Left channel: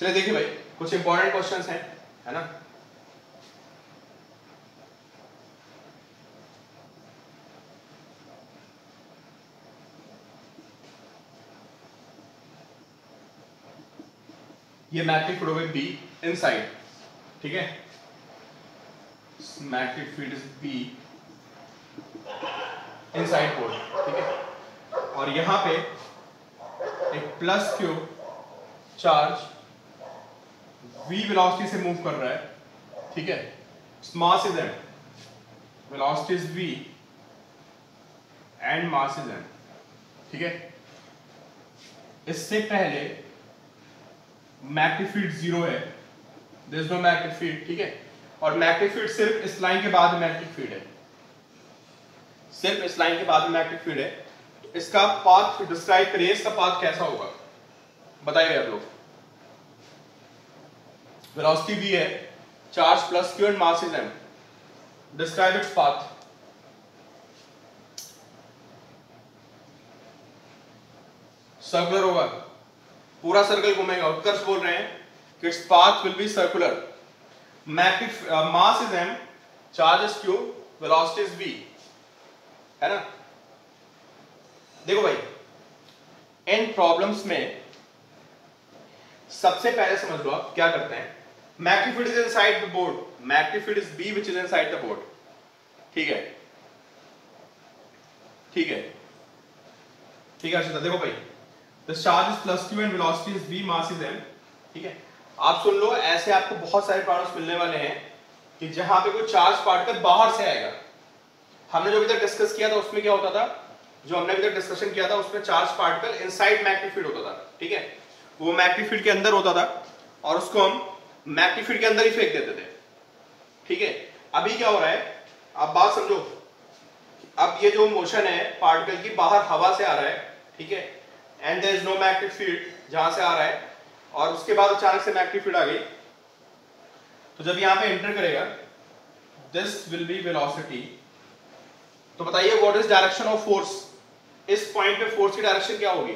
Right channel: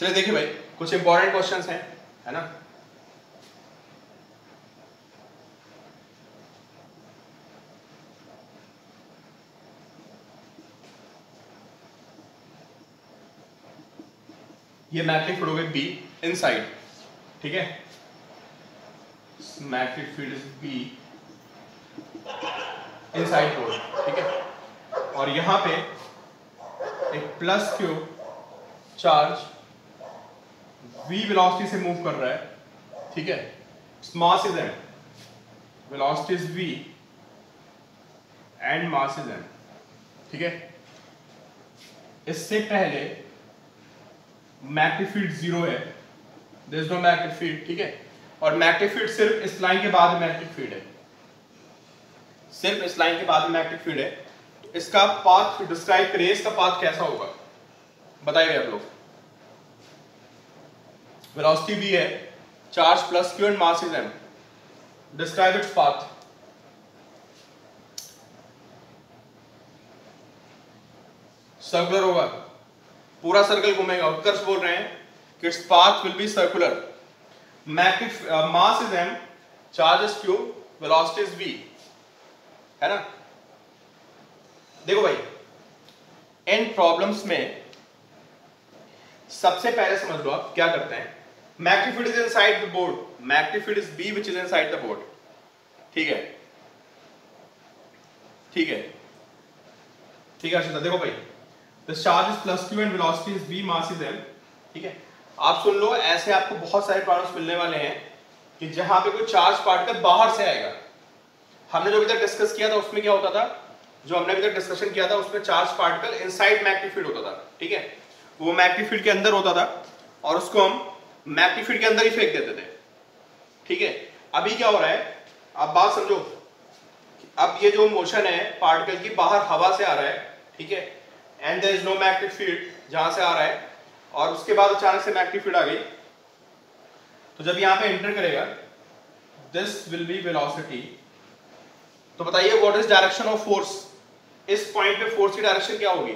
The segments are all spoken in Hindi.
चलिए देखिए भाई, कुछ इंपॉर्टेंट क्वेश्चंस हैं, है ना। ये मैग्नेटिक फील्ड होगी बी इनसाइड, ठीक है। Magnetic field is B inside pole, ठीक है। और यहां पे एक plus Q charge v velocity से मूव कर रहा है, ठीक है। Mass is m, velocity is v and mass is m, ठीक है। इससे पहले मैग्नेटिक फील्ड 0 है, there is no magnetic field, ठीक है। और मैग्नेटिक फील्ड सिर्फ इस लाइन के बाद में मैग्नेटिक फील्ड है, सिर्फ इस लाइन के बाद में मैग्नेटिक फील्ड है। तो इसका पाथ डिस्क्राइब करिए, इसका पाथ कैसा होगा बताइए आप लोग। वेलोसिटी v है, charge plus q and mass is m, describe its path. Circular होगा, पूरा सर्कल घूमेगा। उत्कर्ष बोल रहे हैं कि its path will be circular. Magnetic mass is m, charge is q, velocity is v, है ना। देखो भाई, इन प्रॉब्लम्स में सबसे पहले समझ लो आप क्या करते हैं। Magnetic field is inside the board, magnetic field is b which is inside the board, ठीक है, ठीक है, ठीक है। देखो भाई, the charge is plus q and velocity is v, mass is m, ठीक है। आप सुन लो, ऐसे आपको बहुत सारे प्रॉब्लम्स मिलने वाले हैं कि जहां पे कोई चार्ज पार्टिकल बाहर से आएगा। हमने जो अभी तक डिस्कस किया था उसमें क्या होता था, जो हमने अभी तक डिस्कशन किया था उसमें charge particle inside magnetic field होता था, ठीक है। वो मैग्नेटिक फील्ड के अंदर होता था और उसको हम मैग्नेटिक फील्ड के अंदर ही फेंक देते थे, ठीक है। अभी क्या हो रहा है, आप बात समझो। अब ये जो मोशन है पार्टिकल की, बाहर हवा से आ रहा है, ठीक है, and there is no magnetic field जहां से आ रहा है, और उसके बाद अचानक से मैग्नेटिक फील्ड आ गई। तो जब यहां पे एंटर करेगा, दिस विल बी वेलोसिटी। तो बताइए what is direction of force, इस पॉइंट पे फोर्स की डायरेक्शन क्या होगी।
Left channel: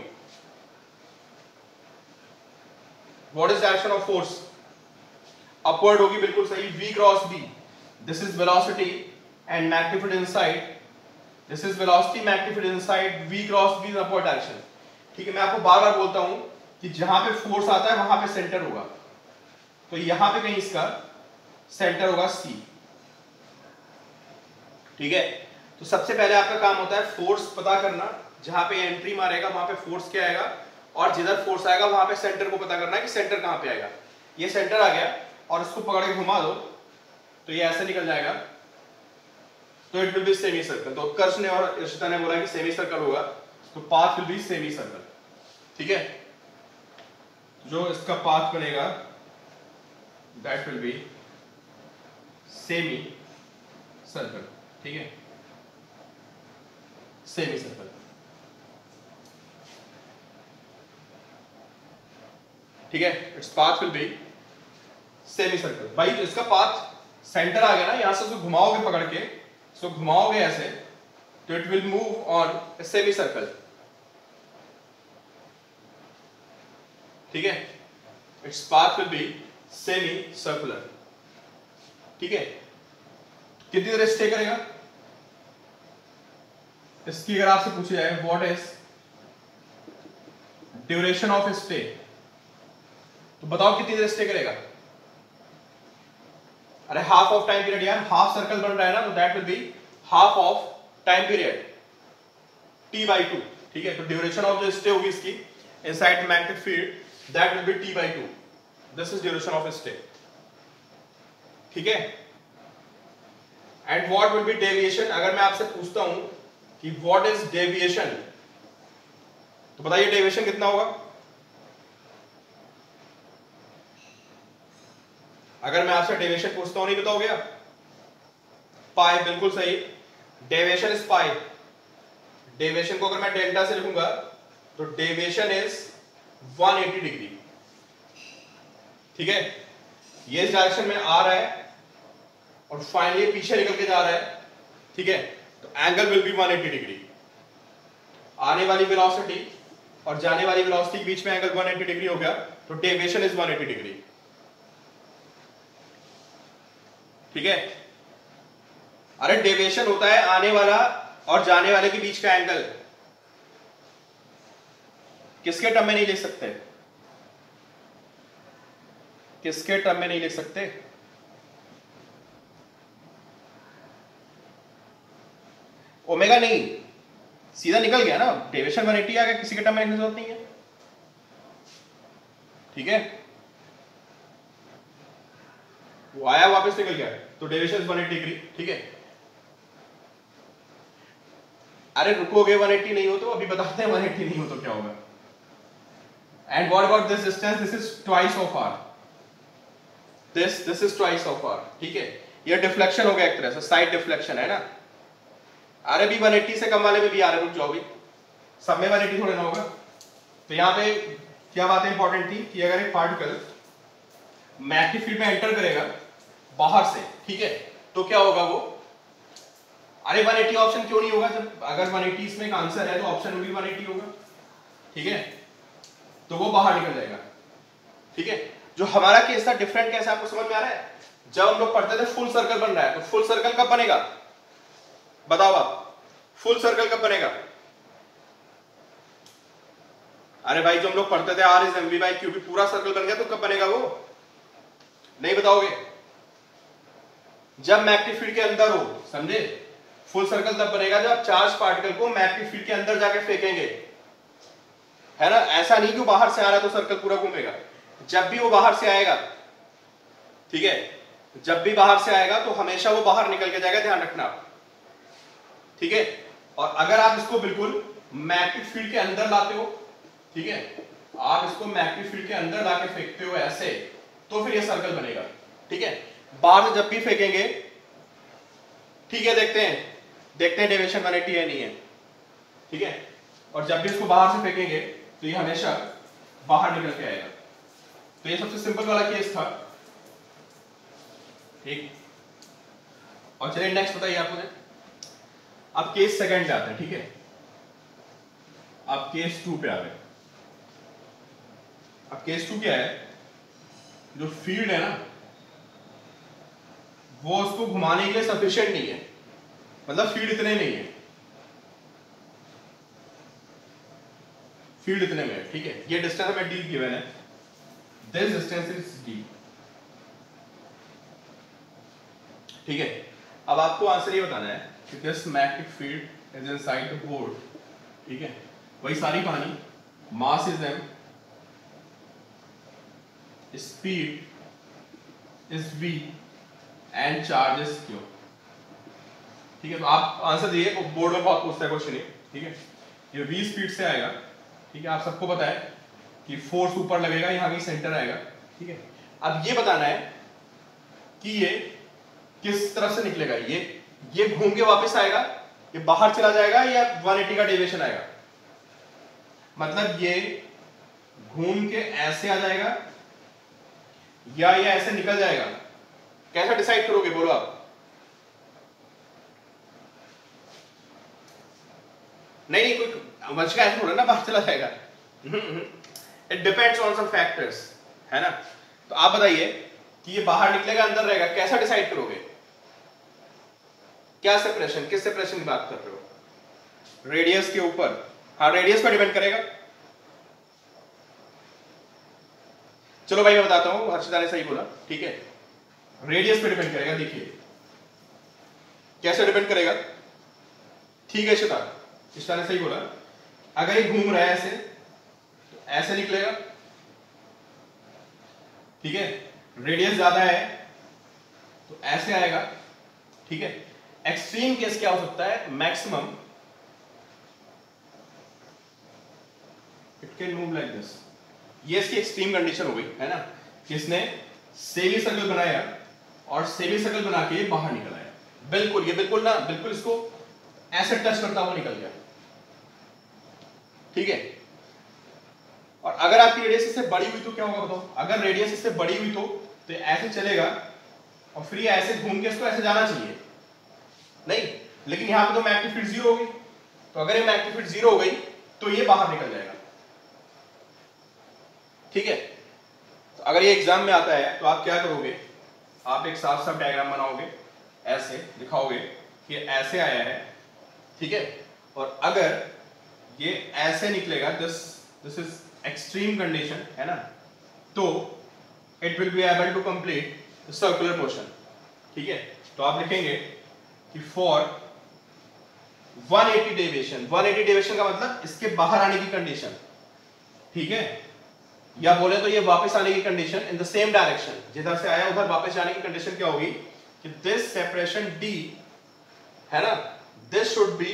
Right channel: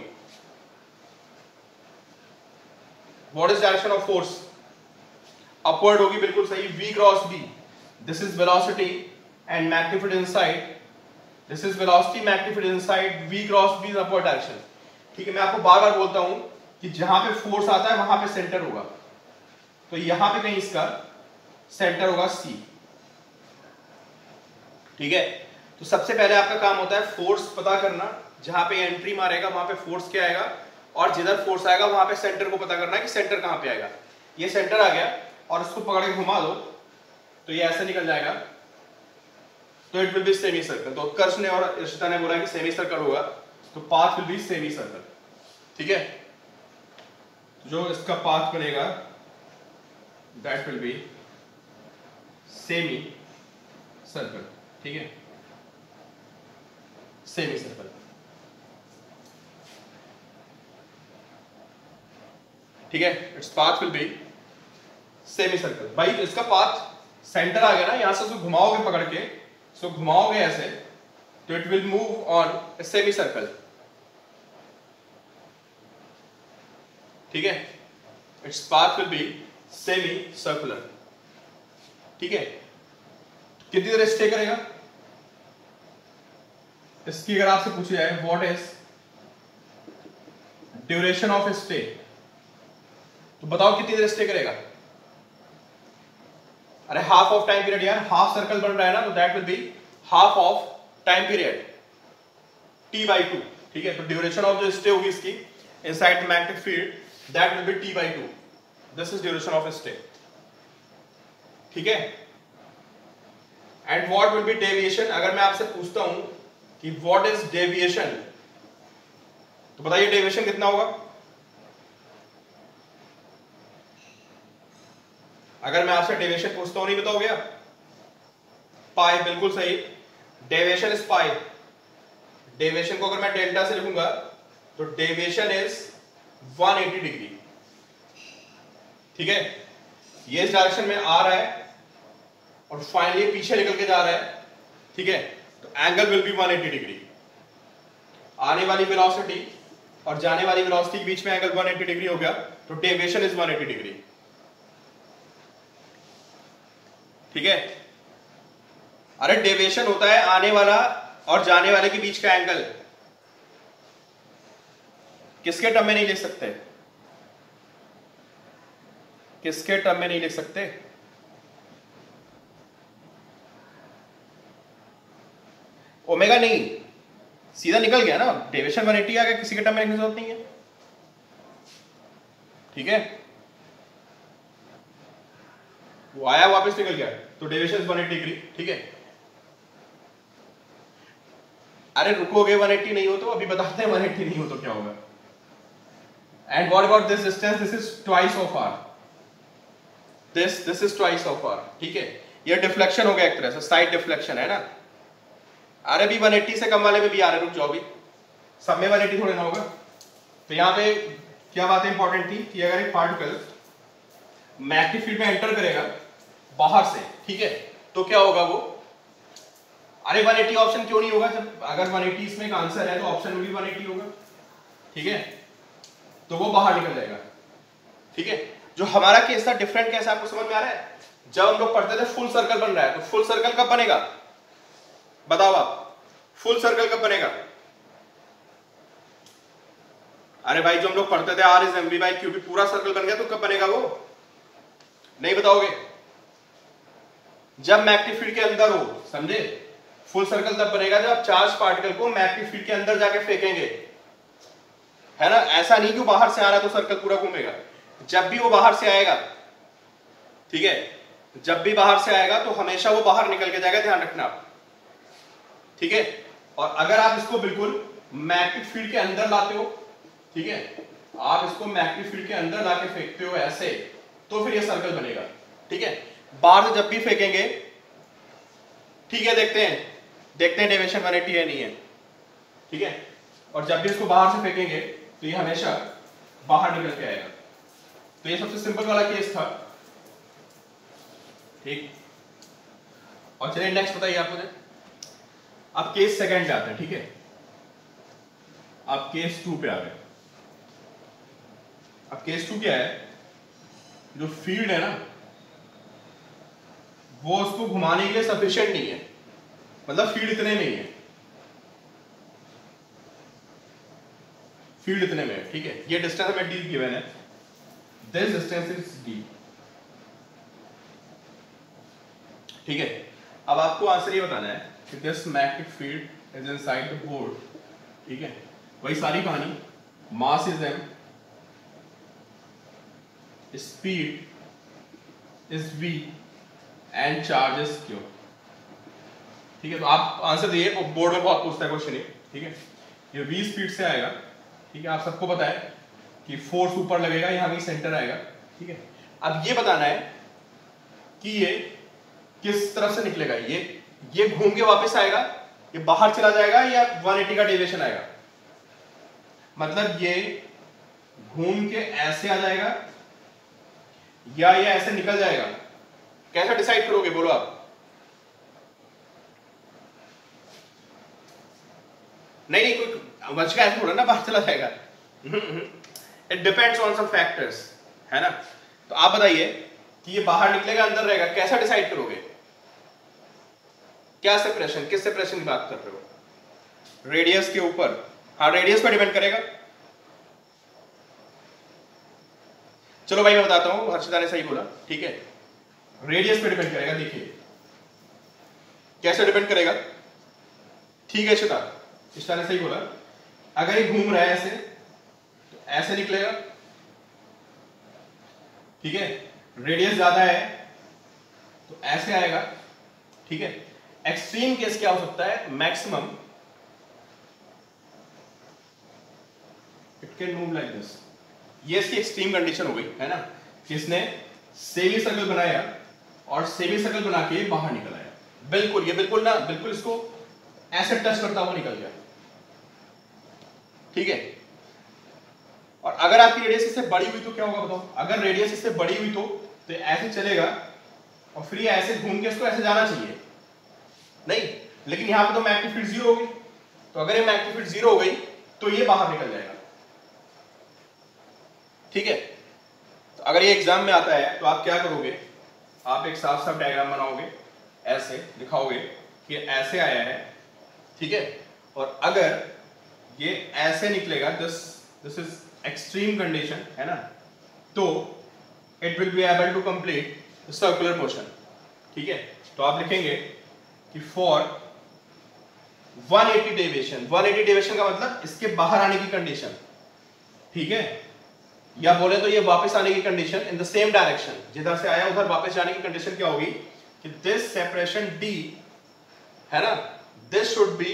What is direction of force, upward होगी, बिल्कुल सही, v cross b। This is velocity and magnetic field inside, this is velocity, magnetic field inside, v cross b is upward direction, ठीक है। मैं आपको बार बार बोलता हूं कि जहां पे फोर्स आता है वहां पे सेंटर होगा, तो यहां पे कहीं इसका सेंटर होगा C, ठीक है। तो सबसे पहले आपका काम होता है फोर्स पता करना, जहां पे एंट्री मारेगा वहां पे फोर्स क्या आएगा, और जिधर फोर्स आएगा वहां पे सेंटर को पता करना है कि सेंटर कहां पे आएगा। ये सेंटर आ गया और इसको पकड़ के घुमा दो तो ये ऐसे निकल जाएगा, तो it will B semi circle. तो उत्कर्ष ने और इशिता ने बोला कि सेमी सर्कल होगा, तो path will be semi circle, ठीक है। जो इसका पाथ बनेगा that will B semi circle, ठीक है, सेमी सर्कल, ठीक है। Its path will be semi circle. भाई इसका पाथ सेंटर आ गया ना, यहां से उसको घुमाओगे पकड़ के, सो घुमाओगे ऐसे, तो it will move on semi circle, ठीक है। Its path will be semi circular, ठीक है। कितनी देर स्टे करेगा, इसकी अगर आपसे पूछा जाए what is duration of stay, तो बताओ कितनी देर स्टे करेगा। अरे हाफ ऑफ टाइम पीरियड यार, हाफ सर्कल बन रहा है ना, तो that will be half of time period t/2, ठीक है। तो ड्यूरेशन ऑफ जो स्टे होगी इसकी inside magnetic field, that will B t/2, this is duration of stay, ठीक है। And what will be deviation, अगर मैं आपसे पूछता हूं कि व्हाट इज डेविएशन, तो बताइए डेविएशन कितना होगा। अगर मैं आपसे डेविएशन पूछता हूं, नहीं बताओगे आप, पाई, बिल्कुल सही, डेविएशन इज पाई। डेविएशन को अगर मैं डेल्टा से लिखूंगा तो डेविएशन इज 180 डिग्री, ठीक है। ये इस डायरेक्शन में आ रहा है और फाइनली पीछे निकल के जा रहा है, ठीक है। तो एंगल विल बी 180 डिग्री। आने वाली वेलोसिटी और जाने वाली वेलोसिटी के बीच में एंगल 180 डिग्री हो गया, तो डेविएशन इज 180 डिग्री। ठीक है, अरे डेविएशन होता है आने वाला और जाने वाले के बीच का एंगल। किसके टर्म में नहीं लिख सकते? किसके टर्म में नहीं लिख सकते? ओमेगा नहीं, सीधा निकल गया ना, डेविएशन 180 आ गया, किसी के टर्म में लिखने की जरूरत नहीं है। ठीक है, वो आया वापस निकल गया, तो डेविएशन 180 डिग्री। ठीक है, अरे रुकोगे 180 नहीं हो तो अभी बताते हैं 180 नहीं हो तो क्या होगा। And what about this distance? This is twice of R, this is twice of R. ठीक है, ये डिफ्लेक्शन हो गया एक तरह से, साइड डिफ्लेक्शन है ना। अरे भी 180 से कम वाले में भी आ रहे, रुक जाओगे, सब में 180 थोड़ी ना होगा। तो यहां पे क्या बात इंपॉर्टेंट थी कि अगर एक पार्टिकल मैग्नेटिक फील्ड में एंटर करेगा बाहर से, ठीक है, तो क्या होगा वो? अरे 180 ऑप्शन क्यों नहीं होगा? जब अगर 180 इसमें एक आंसर है तो ऑप्शन में भी 180 होगा। ठीक है, तो वो बाहर निकल जाएगा। ठीक है, जो हमारा केस था डिफरेंट कैसा, आपको समझ में आ रहा है? जब हम लोग पढ़ते थे फुल सर्कल बन रहा है, तो फुल सर्कल कब बनेगा बताओ आप? फुल सर्कल कब बनेगा? अरे भाई जो हम लोग पढ़ते थे R is MV by Q भी पूरा सर्कल बन गया, तो कब बनेगा वो? नहीं बताओगे? जब मैग्नेटिक फील्ड के अंदर हो, समझे? फुल सर्कल तब बनेगा जब आप चार्ज पार्टिकल को मैग्नेटिक फील्ड के अंदर जाके फेंकेंगे, है ना। ऐसा नहीं जो बाहर से आ रहा तो सर्कल पूरा घूमेगा। जब भी वो बाहर से आएगा, ठीक है, जब भी बाहर से आएगा तो हमेशा वो बाहर निकल के जाएगा, ध्यान रखना। ठीक है, और अगर आप इसको बिल्कुल मैग्नेटिक फील्ड के अंदर लाते हो, ठीक है, आप इसको मैग्नेटिक फील्ड के अंदर लाके फेंकते हो ऐसे, तो फिर ये सर्कल बनेगा। ठीक है, बाहर से जब भी फेंकेंगे, ठीक है, देखते हैं डेविएशन 180 है नहीं है। ठीक है, और जब भी इसको बाहर से फेंकेंगे तो ये हमेशा बाहर निकल के आएगा। तो ये सबसे सिंपल वाला केस था। ठीक, और चलिए नेक्स्ट बताइए आप मुझे। अब केस सेकंड पे आते हैं। ठीक है, अब केस 2 पे आ गए। अब केस 2 क्या है? जो फील्ड है ना, वो उसको घुमाने के लिए सफिशिएंट नहीं है, मतलब फील्ड इतने नहीं है, फील्ड इतने में। ठीक है, ये डिस्टेंस हमें डी गिवन है, दिस डिस्टेंस इज डी। ठीक है, अब आपको आंसर ये बताना है कि this magnetic field is inside the board. ठीक है, वही सारी कहानी, mass is M, speed is v and charge is q। ठीक है, तो आप आंसर दिए, बोर्ड में बहुत पूछता है क्वेश्चन ये। ठीक है, ये v स्पीड से आएगा। ठीक है, आप सबको पता है कि फोर्स ऊपर लगेगा, यहां भी सेंटर आएगा। ठीक है, अब ये बताना है कि ये किस तरफ से निकलेगा। ये घूम के वापस आएगा, ये बाहर चला जाएगा, या 180 का डेविएशन आएगा। मतलब ये घूम के ऐसे आ जाएगा या ये ऐसे निकल जाएगा। कैसे डिसाइड करोगे बोलो आप? नहीं, कोई मच का ऐसे थोड़ा ना बाहर चला जाएगा। It depends on some factors, है ना। तो आप बताइए कि ये बाहर निकलेगा अंदर रहेगा, कैसा डिसाइड करोगे? क्या सेपरेशन, किस सेपरेशन की बात कर रहे हो? रेडियस के ऊपर? हाँ, रेडियस पर डिपेंड करेगा। चलो भाई मैं बताता हूं, हर्षिता ने सही बोला। ठीक है, रेडियस पे डिपेंड करेगा। देखिए कैसे डिपेंड करेगा। ठीक है इशिता ने सही बोला। अगर ये घूम रहा है ऐसे, तो ऐसे निकलेगा। ठीक है, रेडियस ज्यादा है तो ऐसे आएगा। ठीक है, एक्सट्रीम केस क्या हो सकता है? Maximum it can move like this. ये इसकी एक्सट्रीम कंडीशन हो गई, है ना। किसने सेमी सर्कल बनाया और सेमी सर्कल बना के बाहर निकल आया। बिल्कुल, ये बिल्कुल ना, बिल्कुल इसको ऐसे टच करता हुआ निकल गया। ठीक है, और अगर आपकी रेडियस इससे बड़ी हुई तो क्या होगा बताओ? अगर रेडियस इससे बड़ी हुई तो ऐसे चलेगा और फिर ऐसे घूम के इसको ऐसे जाना चाहिए नहीं, लेकिन यहां पे तो मैग्नेटिक फील्ड 0 हो गई। तो अगर ये मैग्नेटिक फील्ड 0 हो गई तो ये बाहर निकल जाएगा। ठीक है, तो अगर ये एग्जाम में आता है तो आप क्या करोगे, आप एक साफ साफ डायग्राम बनाओगे, ऐसे दिखाओगे कि ऐसे आया है, ठीक है, और अगर ये ऐसे निकलेगा, दिस इज एक्सट्रीम कंडीशन है ना, तो it will be able to complete circular portion, ठीक है। तो आप लिखेंगे कि फॉर 180 डेविएशन, 180 डेविएशन का मतलब इसके बाहर आने की कंडीशन, ठीक है, या बोले तो ये वापस आने की condition in the same direction, जिधर से आया उधर वापस जाने की कंडीशन क्या होगी कि दिस सेपरेशन D है ना, दिस शुड बी,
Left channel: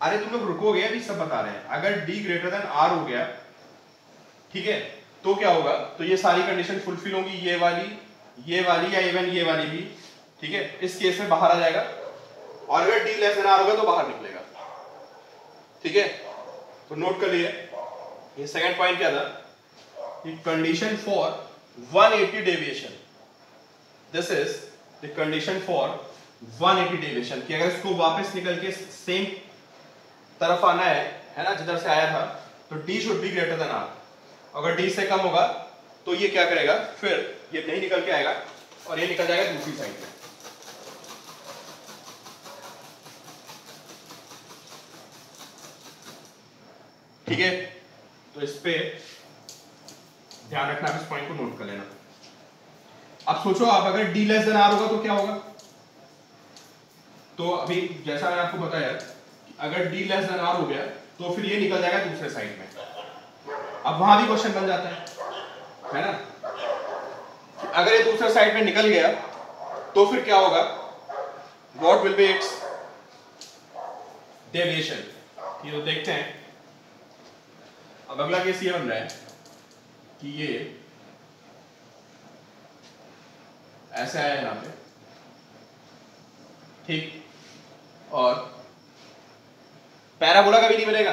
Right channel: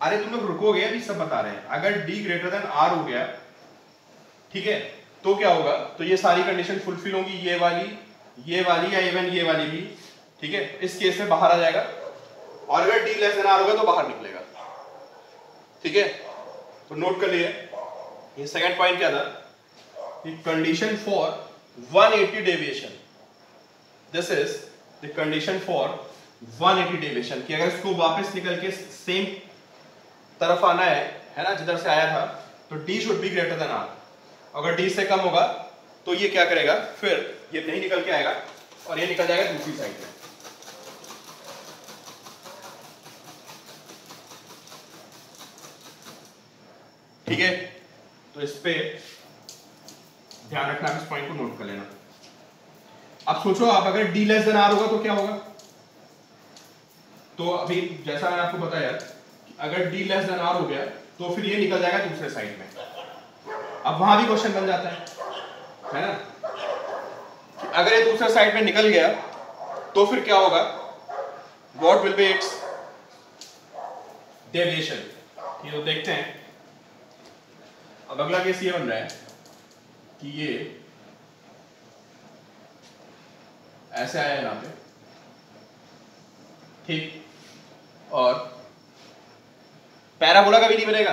अरे तुम लोग रुकोगे, अभी सब बता रहे हैं, अगर D ग्रेटर देन R हो गया, ठीक है, तो क्या होगा, तो ये सारी कंडीशन फुलफिल होंगी, ये वाली या इवन ये वाली भी, ठीक है, इस केस में बाहर आ जाएगा, और अगर D लेस देन R होगा तो बाहर निकलेगा, ठीक है। तो नोट कर लिए, ये सेकंड पॉइंट क्या था कि condition for 180 deviation, this is the condition for 180 deviation, कि अगर इसको वापस निकल के सेम तरफ आना है ना, जिधर से आया था, तो D should be greater than R, अगर D से कम होगा तो ये क्या करेगा, फिर ये नहीं निकल के आएगा और ये निकल जाएगा दूसरी साइड में, ठीक है। तो इस पे ध्यान रखना, इस पॉइंट को नोट कर लेना। अब सोचो, आप अगर D लेस देन R होगा तो क्या होगा, तो अभी जैसा मैंने आपको बताया, अगर D लेस देन R हो गया तो फिर ये निकल जाएगा दूसरे साइड में, अब वहां भी क्वेश्चन बन जाता है ना, अगर ये दूसरे साइड में निकल गया तो फिर क्या होगा, what will be it's deviation, ये तो देखते हैं। अब अगला केस ये बन रहा है कि ये ऐसे आया यहां पे, ठीक, और पैराबोला कभी नहीं बनेगा,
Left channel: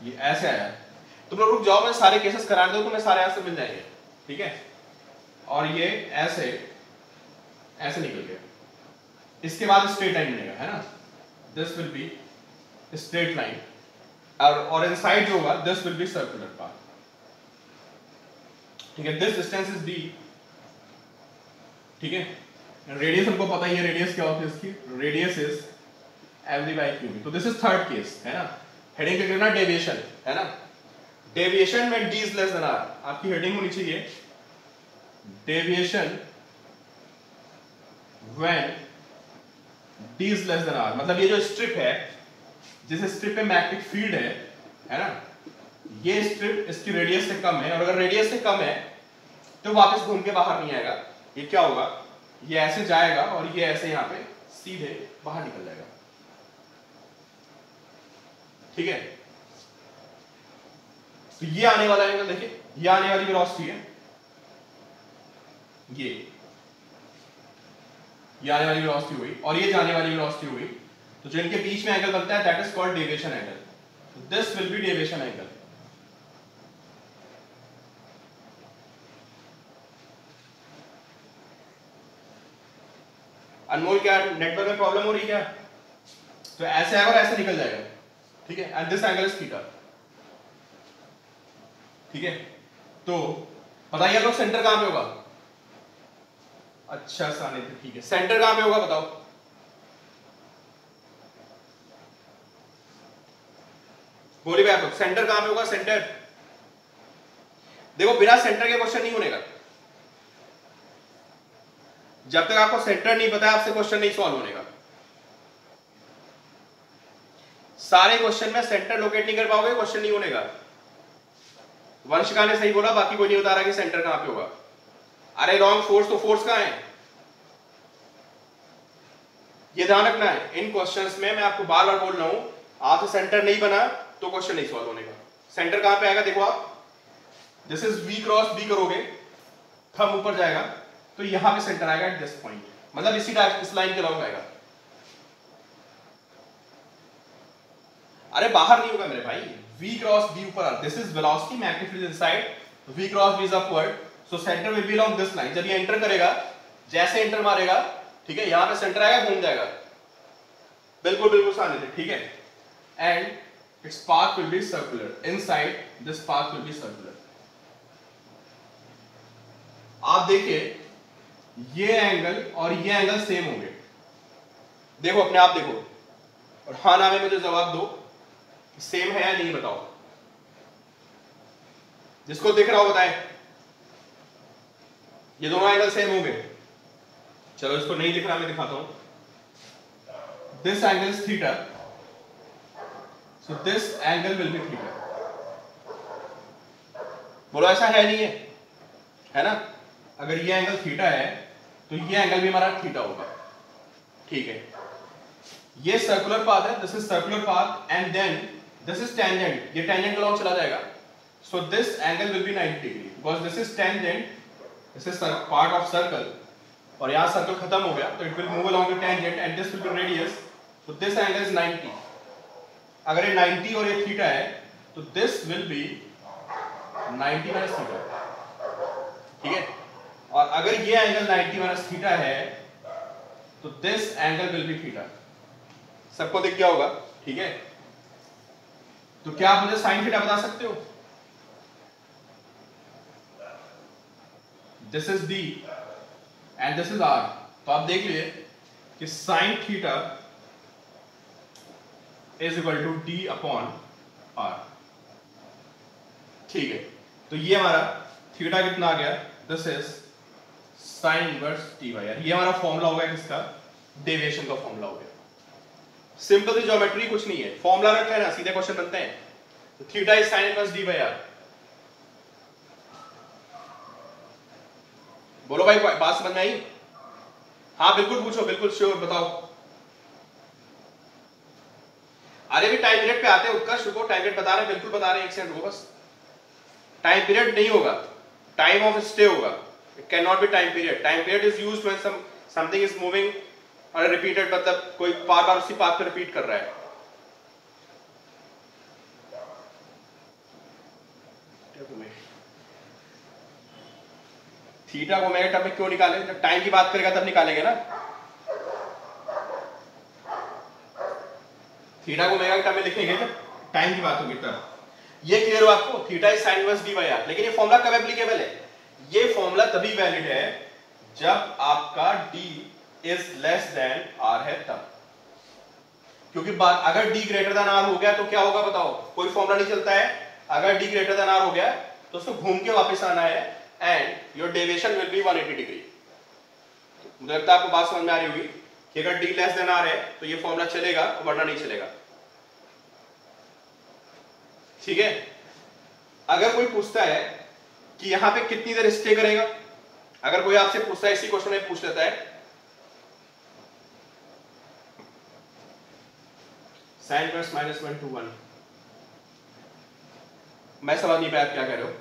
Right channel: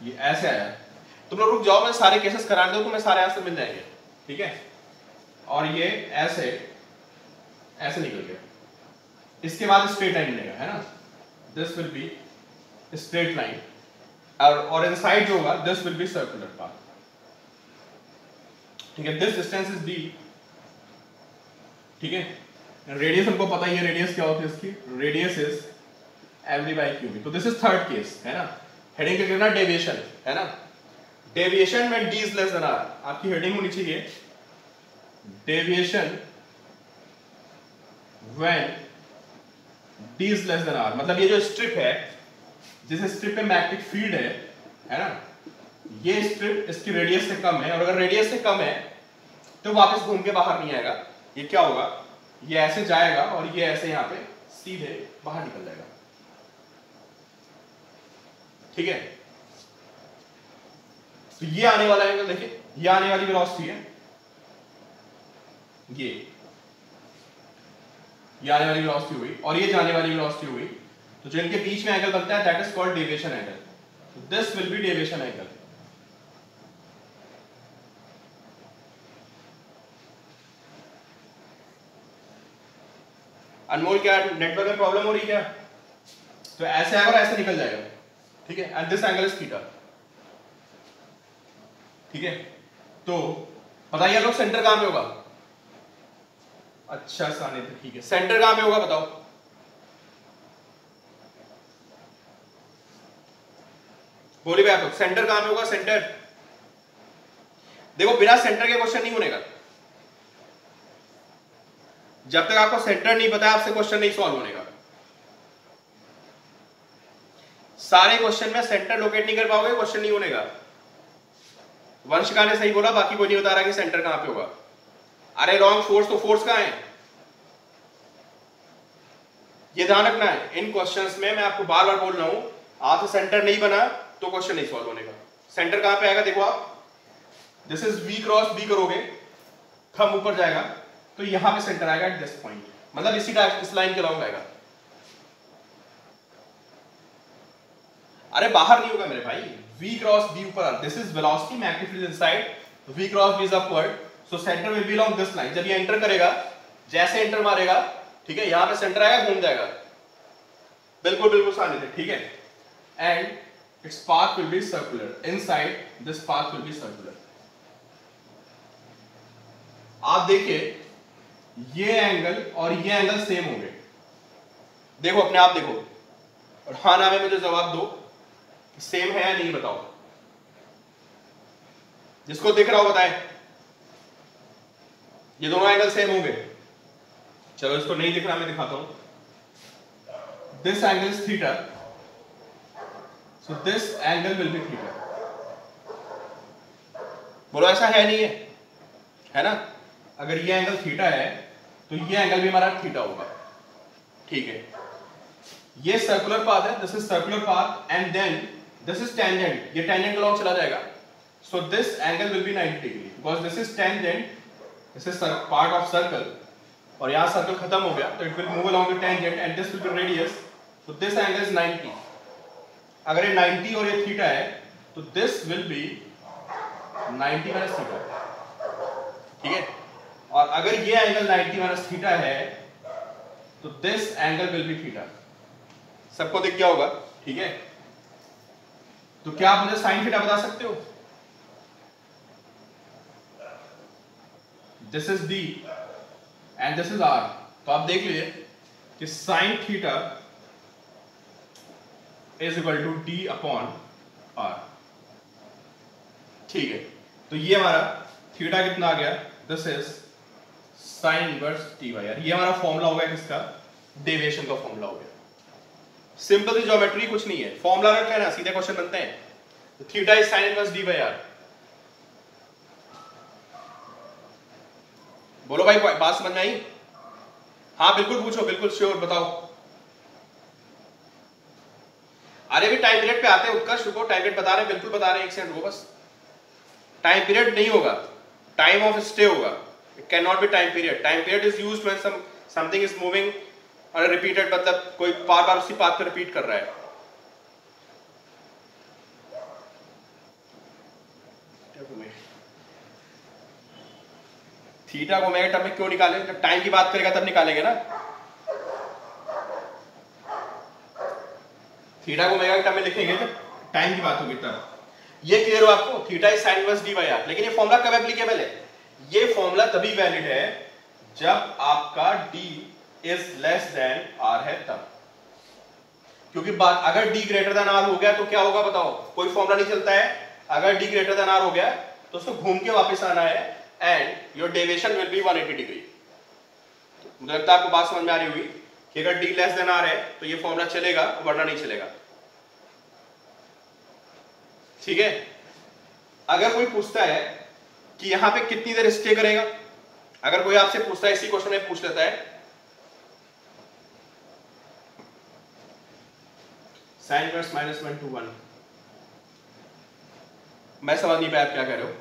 ये ऐसे आया है, तुम लोग रुक जाओ, मैं सारे केसेस करा दूं, तुम्हें सारे आंसर मिल जाएंगे, ठीक है। और ये ऐसे ऐसे निकल गया, इसके बाद स्ट्रेट लाइन मिलेगा, है ना, this will be straight line, और इनसाइड जो होगा this will B circular path, ठीक है। दिस डिस्टेंस इज D, ठीक है, रेडियस हमको पता ही है, रेडियस क्या होती है इसकी, radius is mv by qb, तो दिस इज थर्ड केस, है ना। हेडिंग क्या करना, डेविएशन, है ना, deviation when D is less than R, आपकी हेडिंग होनी चाहिए deviation when D is less than R, मतलब ये जो स्ट्रिप है, जिस स्ट्रिप पे मैग्नेटिक फील्ड है ना, ये स्ट्रिप इसकी रेडियस से कम है, और अगर रेडियस से कम है तो वापस घूम के बाहर नहीं आएगा, ये क्या होगा, ये ऐसे जाएगा और ये ऐसे यहां पे सीधे बाहर निकल जाएगा, ठीक है। तो ये आने वाला एंगल देखिए, ये आने वाली वेलोसिटी है, ये आने वाली वेलोसिटी हुई, और ये जाने वाली वेलोसिटी हुई, तो जिनके बीच में एंगल बनता है that is called deviation angle, so this will be deviation angle. Anmol, क्या नेटवर्क में प्रॉब्लम हो रही है क्या, तो ऐसे आएगा और ऐसे निकल जाएगा, ठीक है, and this angle is theta, ठीक है। तो बताइए लोग, सेंटर कहां पे होगा, अच्छा सानी, ठीक है, सेंटर कहां पे होगा बताओ, बोलिएगा आप लोग, सेंटर कहां पे होगा, सेंटर, देखो बिना सेंटर के क्वेश्चन नहीं होने का, जब तक आपको सेंटर नहीं पता आपसे क्वेश्चन नहीं सॉल्व होने का, सारे क्वेश्चन में सेंटर लोकेट नहीं कर पाओगे, क्वेश्चन नहीं होने का। वंशिका ने सही बोला, बाकी कोई नहीं बता रहा कि सेंटर कहां पे होगा, अरे रॉन्ग, फोर्स, तो फोर्स कहां है, ये ध्यान रखना है इन क्वेश्चंस में, मैं आपको बार बार बोल रहा हूं, आपसे सेंटर नहीं बना तो क्वेश्चन नहीं सॉल्व होने का। सेंटर कहां पे आएगा, देखो आप, this is V cross B करोगे, थंब ऊपर जाएगा, तो यहां पे सेंटर आएगा एट दिस पॉइंट, मतलब इसी इस लाइन के अराउंड आएगा, अरे बाहर नहीं होगा मेरे भाई, V क्रॉस B ऊपर, this is velocity, magnetic field inside, V cross B is upward, so centre will be along this line, जब ये एंटर करेगा, जैसे एंटर मारेगा, ठीक है, यहां पे सेंटर आएगा, घूम जाएगा, बिल्कुल बिल्कुल सामने, ठीक है। and its path will be circular. Inside this path will be circular. आप देखिए ये एंगल और ये एंगल सेम होंगे, देखो अपने आप देखो, और हाँ ना में मुझे जवाब दो सेम है या नहीं, बताओ। जिसको दिख रहा हो बताए, ये दोनों एंगल सेम होंगे। चलो इसको नहीं दिख रहा, मैं दिखाता हूं। This angle is theta, so this angle will B theta. बोलो ऐसा है नहीं है ना? अगर ये एंगल थीटा है तो ये एंगल भी हमारा थीटा होगा, ठीक है। ये सर्कुलर पाथ है, this is circular path, and then this is tangent, ये टेंजेंट के लॉन्ग चला जाएगा, so this angle will be 90 degree because this is tangent, this is part of circle, और यहां सर्कल खत्म हो गया तो it will move along the tangent and this will be radius, so this angle is 90. अगर ये 90 और ये थीटा है तो this will be 90 minus theta, ठीक है। और अगर ये एंगल 90 minus थीटा है तो this angle will be theta. सबको दिख गया होगा, ठीक है। तो क्या आप मुझे साइन थीटा बता सकते हो? This is D and this is R। तो आप देख लीजिए कि sine theta is equal to D upon R, ठीक है। तो ये हमारा थीटा कितना आ गया? This is sine inverse T by R. ये हमारा फॉर्मूला हो गया किसका? डेविएशन का फॉर्मूला हो गया। सिंपल ज्योमेट्री, कुछ नहीं है, फॉर्मूला रख लेना, सीधे क्वेश्चन बनते हैं। तो theta is sine inverse D by R. बोलो भाई, बात समझ में आई? हाँ बिल्कुल पूछो, बिल्कुल श्योर, बताओ। अरे भी टाइम पीरियड पे आते हैं, उत्कर्ष रुको, टाइम पीरियड बता रहे हैं, बिल्कुल बता रहे हैं, एक सेकंड रुको बस। टाइम पीरियड नहीं होगा, टाइम ऑफ स्टे होगा, it can not be time period. Time period is used when something is moving और रिपीटेड, मतलब कोई बार बार उसी पाथ पे रिपीट कर रहा है। थीटा को मैं टर्म में क्यों निकाले? जब टाइम की बात करेगा तब निकालेंगे ना। थीटा को मेगा टर्म में लिखेंगे जब टाइम की बात होगी तब। ये क्लियर हो आपको? Theta is sine inverse D by R. लेकिन ये फॉर्मूला कब एप्लीकेबल है? ये फॉर्मूला तभी वैलिड है जब आपका d is less than r है तब। क्योंकि बात अगर d ग्रेटर देन r हो गया तो क्या होगा बताओ? कोई फॉर्मूला नहीं चलता है। अगर d ग्रेटर देन r हो गया तो उसको घूम के वापस आना है and your deviation will be 180 degree. मुझे लगता है आपको बात समझ में आ रही होगी कि अगर d लेस देन r है तो ये फॉर्मूला चलेगा वरना नहीं चलेगा, ठीक है। अगर कोई पूछता है कि यहां पे कितनी देर स्टे करेगा, अगर कोई आपसे पूछता है, इसी क्वेश्चन में पूछ लेता है साइन इनवर्स -1 to 1, मैं समझ नहीं पाया क्या कह रहे हो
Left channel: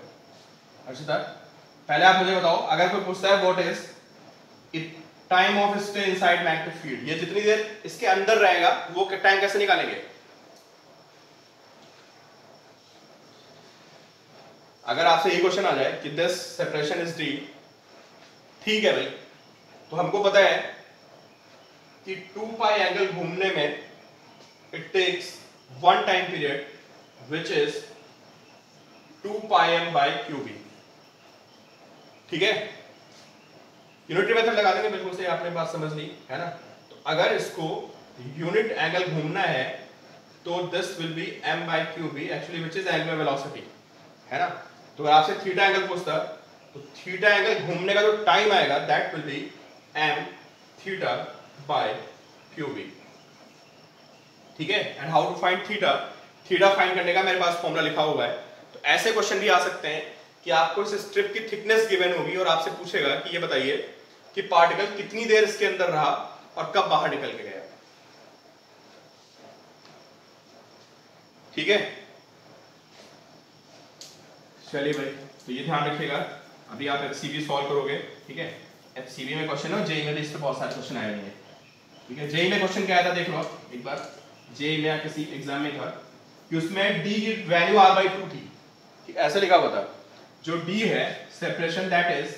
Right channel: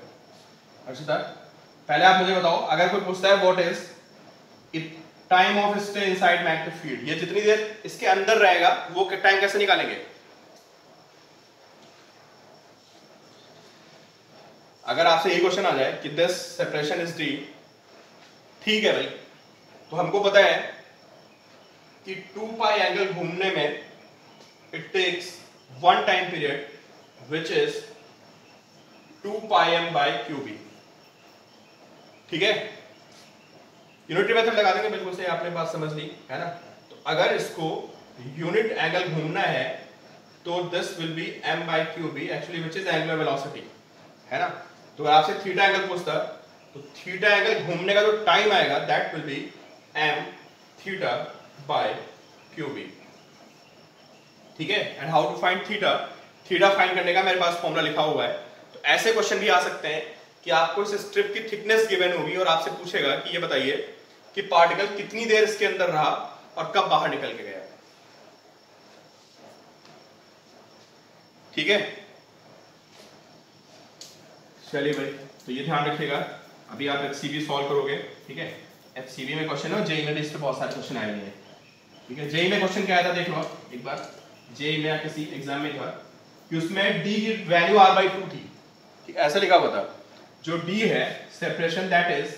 अर्षिता। पहले आप मुझे बताओ, अगर कोई पूछता है what is time of stay inside magnetic field, ये जितनी देर इसके अंदर रहेगा वो टाइम कैसे निकालेंगे? अगर आपसे ये क्वेश्चन आ जाए कि दिस सेपरेशन इज डी, ठीक है भाई, तो हमको पता है कि 2 पाई एंगल घूमने में it takes one time period which is 2 pi m by QB, ठीक है। यूनिट मेथड लगा देंगे, बिल्कुल सही, आपने बात समझ ली है ना। तो अगर इसको यूनिट एंगल घूमना है तो this will be m by QB actually which is angular velocity, है ना। तो अगर आपसे थीटा एंगल पूछता तो थीटा एंगल घूमने का जो टाइम आएगा that will be m theta by QB, ठीक है। And how to find theta? Theta फाइंड करने का मेरे पास फॉर्मूला लिखा हुआ है। तो ऐसे क्वेश्चन भी आ सकते हैं कि आपको इस स्ट्रिप की थिकनेस गिवन होगी और आपसे पूछेगा कि ये बताइए कि पार्टिकल कितनी देर इसके अंदर रहा और कब बाहर निकल के गया, ठीक है। चलिए भाई, तो ये ध्यान रखिएगा, अभी आप एचसीवी सॉल्व करोगे, ठीक है। एचसीवी में क्वेश्चन है, जेईई में इस पे बहुत सारे क्वेश्चन आए हैं, ठीक है। जेईई में क्वेश्चन क्या आया था देख लो एक बार, जेईई में या किसी एग्जाम में था कि उसमें डी की वैल्यू r/2 थी, ऐसा लिखा हुआ था, जो डी है separation that is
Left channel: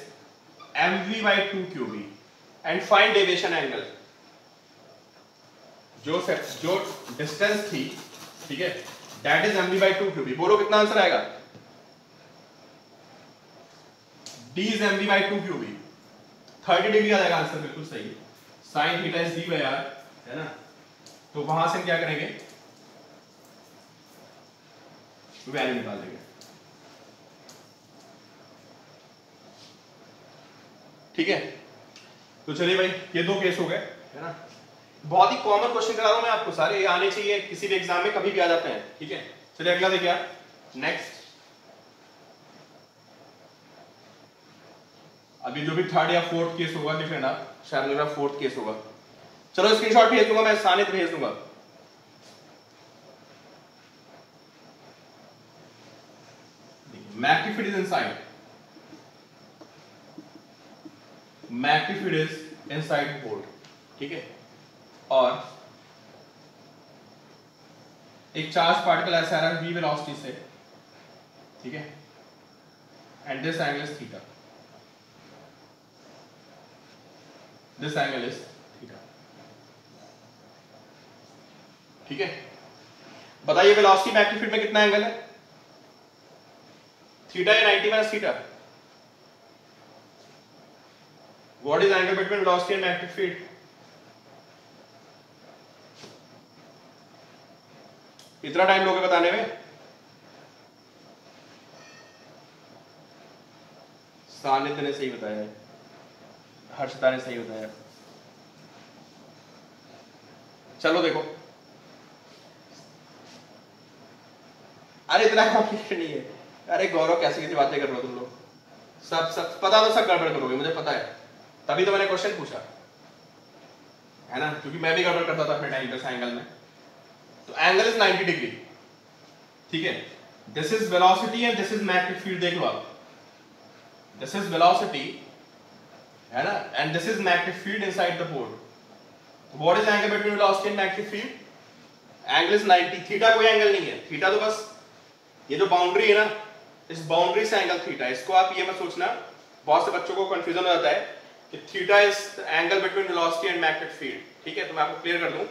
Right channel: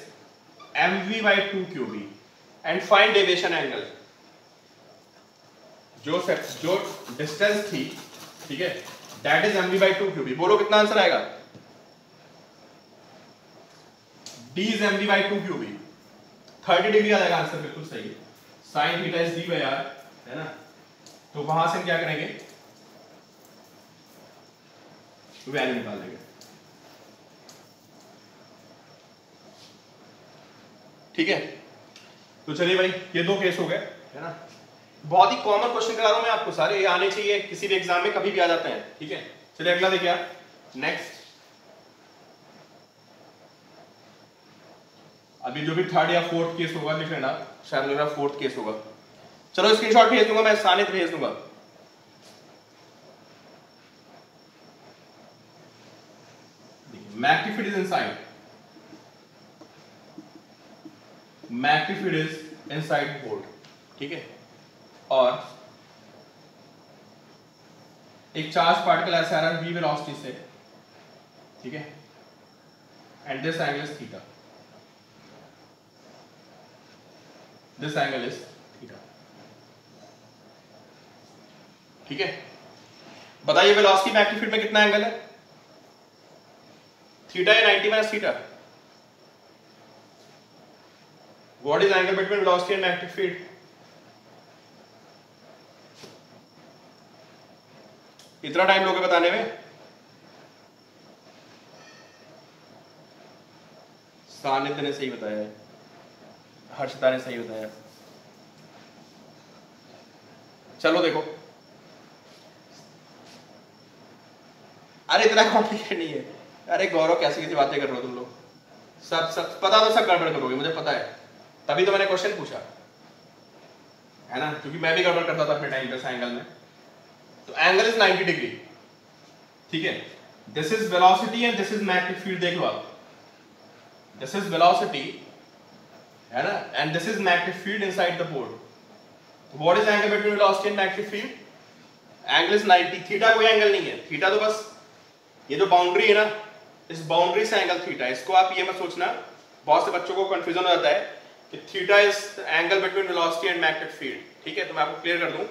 mv/2 QB and find deviation angle. जो डिस्टेंस थी ठीक है, that is mv by 2 QB. बोलो कितना आंसर आएगा? d is mv by 2 QB, 30 degree आ जाएगा आंसर, बिल्कुल सही। Sine theta is d by r, है ना। तो वहां से हम क्या करेंगे, वैल्यू निकाल देंगे, ठीक है। तो चलिए भाई, ये दो केस हो गए, है ना। बहुत ही कॉमन क्वेश्चन करा रहा हूं मैं आपको, सारे ये आने चाहिए, किसी भी एग्जाम में कभी भी आ जाते हैं, ठीक है। चलिए अगला देखिए आप, नेक्स्ट। अभी जो भी थर्ड या फोर्थ केस होगा लिख लेना, शायद मेरा फोर्थ केस होगा। चलो स्क्रीनशॉट भेज दूंगा मैं, सानित भेज दूंगा। Magnetic field is inside, magnetic field is inside board, ठीक है। और एक चार्ज पार्टिकल ऐसा आ रहा है v वेलोसिटी से, ठीक है, and this angle is theta, this angle is theta, ठीक है। बताइए वेलोसिटी मैग्नीट्यूड में कितना एंगल है? थीटा या 90 minus theta? What is angle between velocity and magnitude? इतना टाइम लोगे बताने में? सानिध्य ने सही बताया, हर्षदा ने सही बताया। चलो देखो, अरे इतना कॉम्प्लिकेटेड नहीं है। अरे गौरव, कैसी कैसी बातें कर रहे हो तुम लोग, सब सब पता तो सब गड़बड़ करोगे, मुझे पता है, तभी तो मैंने क्वेश्चन पूछा, है ना, क्योंकि मैं भी गड़बड़ करता था अपने टाइम पे एंगल में। तो एंगल इज 90 डिग्री, ठीक है। This is velocity and this is magnetic field, देख लो आप, दिस इज वेलोसिटी, है ना, and this is magnetic field inside the board. What is angle between velocity and magnetic field? Angle is 90। Theta कोई एंगल नहीं है, थीटा तो बस ये जो बाउंड्री है ना, इस बाउंड्री से एंगल थीटा। इसको आप ये मत सोचना, बहुत से बच्चों को कंफ्यूजन हो जाता है कि theta is angle between velocity and magnetic field, ठीक है। तो मैं आपको क्लियर कर दूं,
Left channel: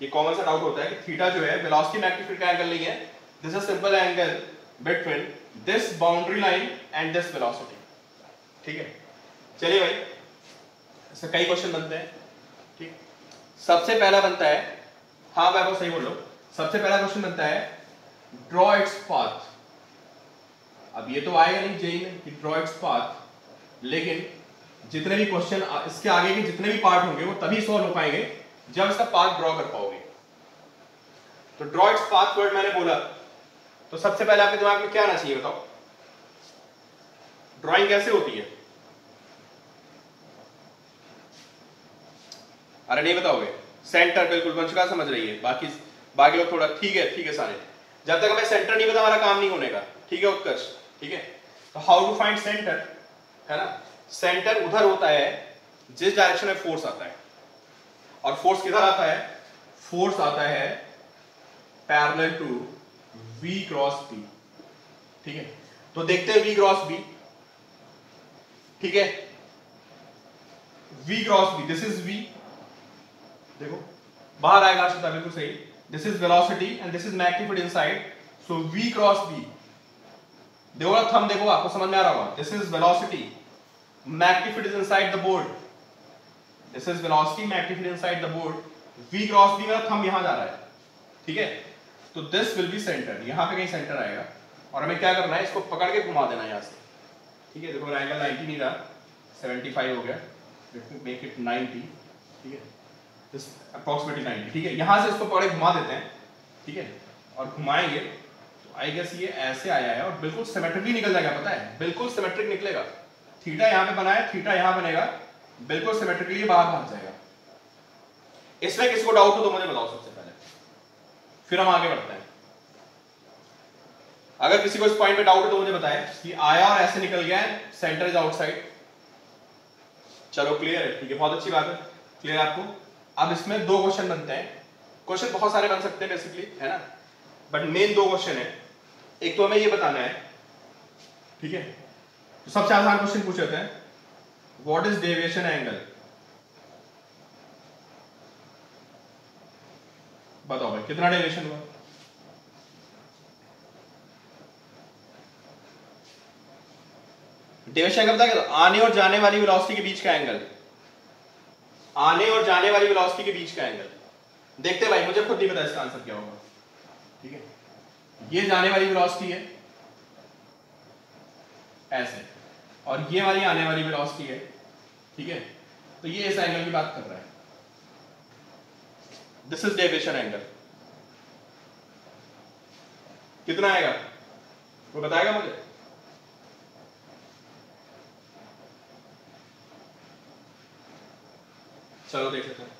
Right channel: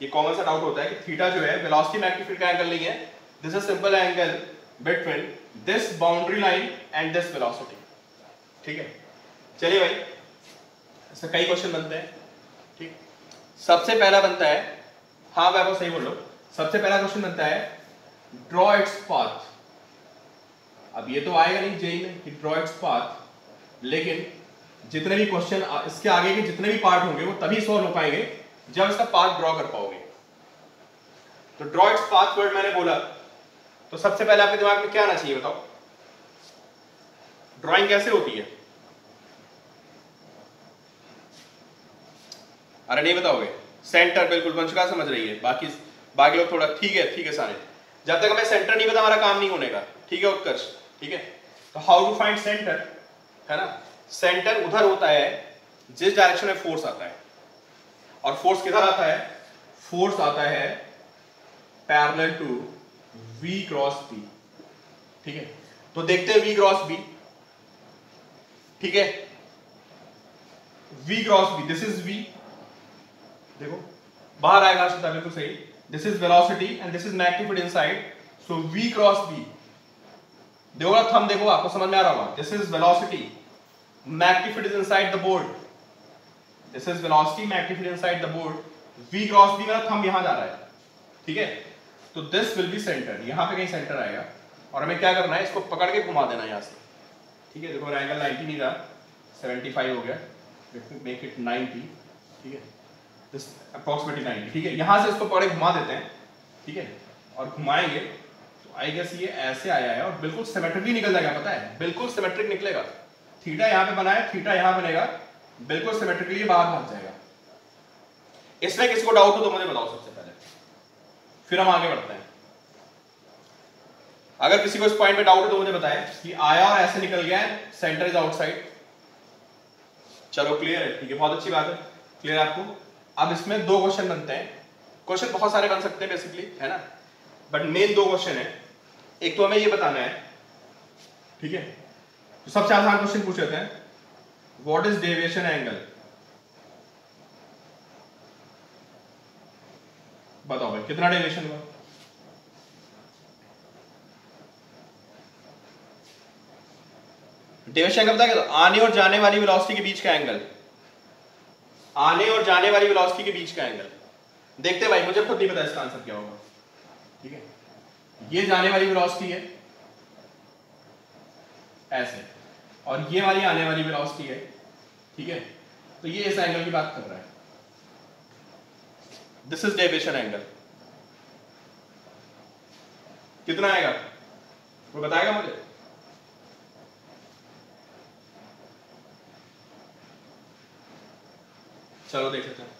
ये कॉमन सा डाउट होता है कि थीटा जो है वेलोसिटी मैग्नेटिक फील्ड का एंगल नहीं है, this is simple angle between this boundary line and this velocity, ठीक है। चलिए भाई, ऐसे कई क्वेश्चन बनते हैं, ठीक। सबसे पहला बनता है, हाँ मैं आपको सही बोल रहा हूं, सबसे पहला क्वेश्चन बनता है ड्रॉ इट्स पाथ। अब ये तो आएगा नहीं जेई में कि ड्रॉ इट्स पाथ, लेकिन जितने भी क्वेश्चन इसके आगे के जितने भी पार्ट होंगे वो तभी सॉल्व हो पाएंगे जब इसका पाथ ड्रॉ कर पाओगे। तो ड्रॉ इट्स पाथ वर्ड मैंने बोला, तो सबसे पहले आपके दिमाग में क्या आना चाहिए बताओ? ड्राइंग कैसे होती है? अरे नहीं बताओगे? सेंटर बिल्कुल वंशिका समझ रही है, बाकी लोग थोड़ा ठीक है सारे। जब तक हमें सेंटर नहीं पता हमारा काम नहीं होने का, ठीक है उत्कर्ष, ठीक है। तो हाउ टू फाइंड सेंटर, है ना। सेंटर उधर होता है जिस डायरेक्शन में फोर्स आता है, और फोर्स किधर आता है? फोर्स आता है parallel to V cross B, ठीक है। तो देखते हैं V क्रॉस B, ठीक है। V cross B, this is V, देखो बाहर आएगा आपसे बिल्कुल सही। This is velocity and this is magnitude inside, so V cross B, देखो थंब देखो, आपको समझ में आ रहा होगा। This is velocity, magnitude is inside the board, this is velocity, magnitude inside the board, V cross B, मेरा थंब यहां जा रहा है, ठीक है। तो दिस विल बी सेंटर, यहां पे कहीं सेंटर आएगा, और हमें क्या करना है, इसको पकड़ के घुमा देना यहां से, ठीक है। देखो एंगल 90 नहीं रहा, 75 हो गया, मेक इट 90, ठीक है, दिस अप्रोक्सीमेटली 90, ठीक है। यहां से इसको पकड़ के घुमा देते हैं, ठीक है, और घुमाएंगे तो आई गेस ये ऐसे आया है, और बिल्कुल सिमेट्रिकली निकल जाएगा, पता है, बिल्कुल सिमेट्रिक निकलेगा। थीटा यहां पे बना है, थीटा यहां बनेगा, बिल्कुल सिमेट्रिकली बाहर पहुंच जाएगा। इसमें किसी को डाउट हो तो मुझे बताओ सबसे पहले, फिर हम आगे बढ़ते हैं। अगर किसी को इस पॉइंट पे डाउट है तो मुझे बताएं कि आया और ऐसे निकल गया है, सेंटर इज आउटसाइड। चलो क्लियर है, ठीक है, बहुत अच्छी बात है, क्लियर आपको। अब इसमें दो क्वेश्चन बनते हैं, क्वेश्चन बहुत सारे बन सकते हैं बेसिकली, है ना, बट मेन दो क्वेश्चन है। एक तो हमें ये बताना है, ठीक है, तो सबसे आसान क्वेश्चन पूछ लेते हैं, व्हाट इज डेविएशन एंगल? बताओ भाई कितना डेविएशन हुआ? डेविएशन एंगल पता है, आने और जाने वाली वेलोसिटी के बीच का एंगल, आने और जाने वाली वेलोसिटी के बीच का एंगल। देखते भाई, मुझे खुद नहीं पता इसका आंसर क्या होगा। ठीक है, ये जाने वाली वेलोसिटी है ऐसे, और ये वाली आने वाली वेलोसिटी है। ठीक है, तो ये इस एंगल की बात कर रहा है। This is deviation angle. कितना आएगा वो बताएगा मुझे? चलो देख लेते हैं।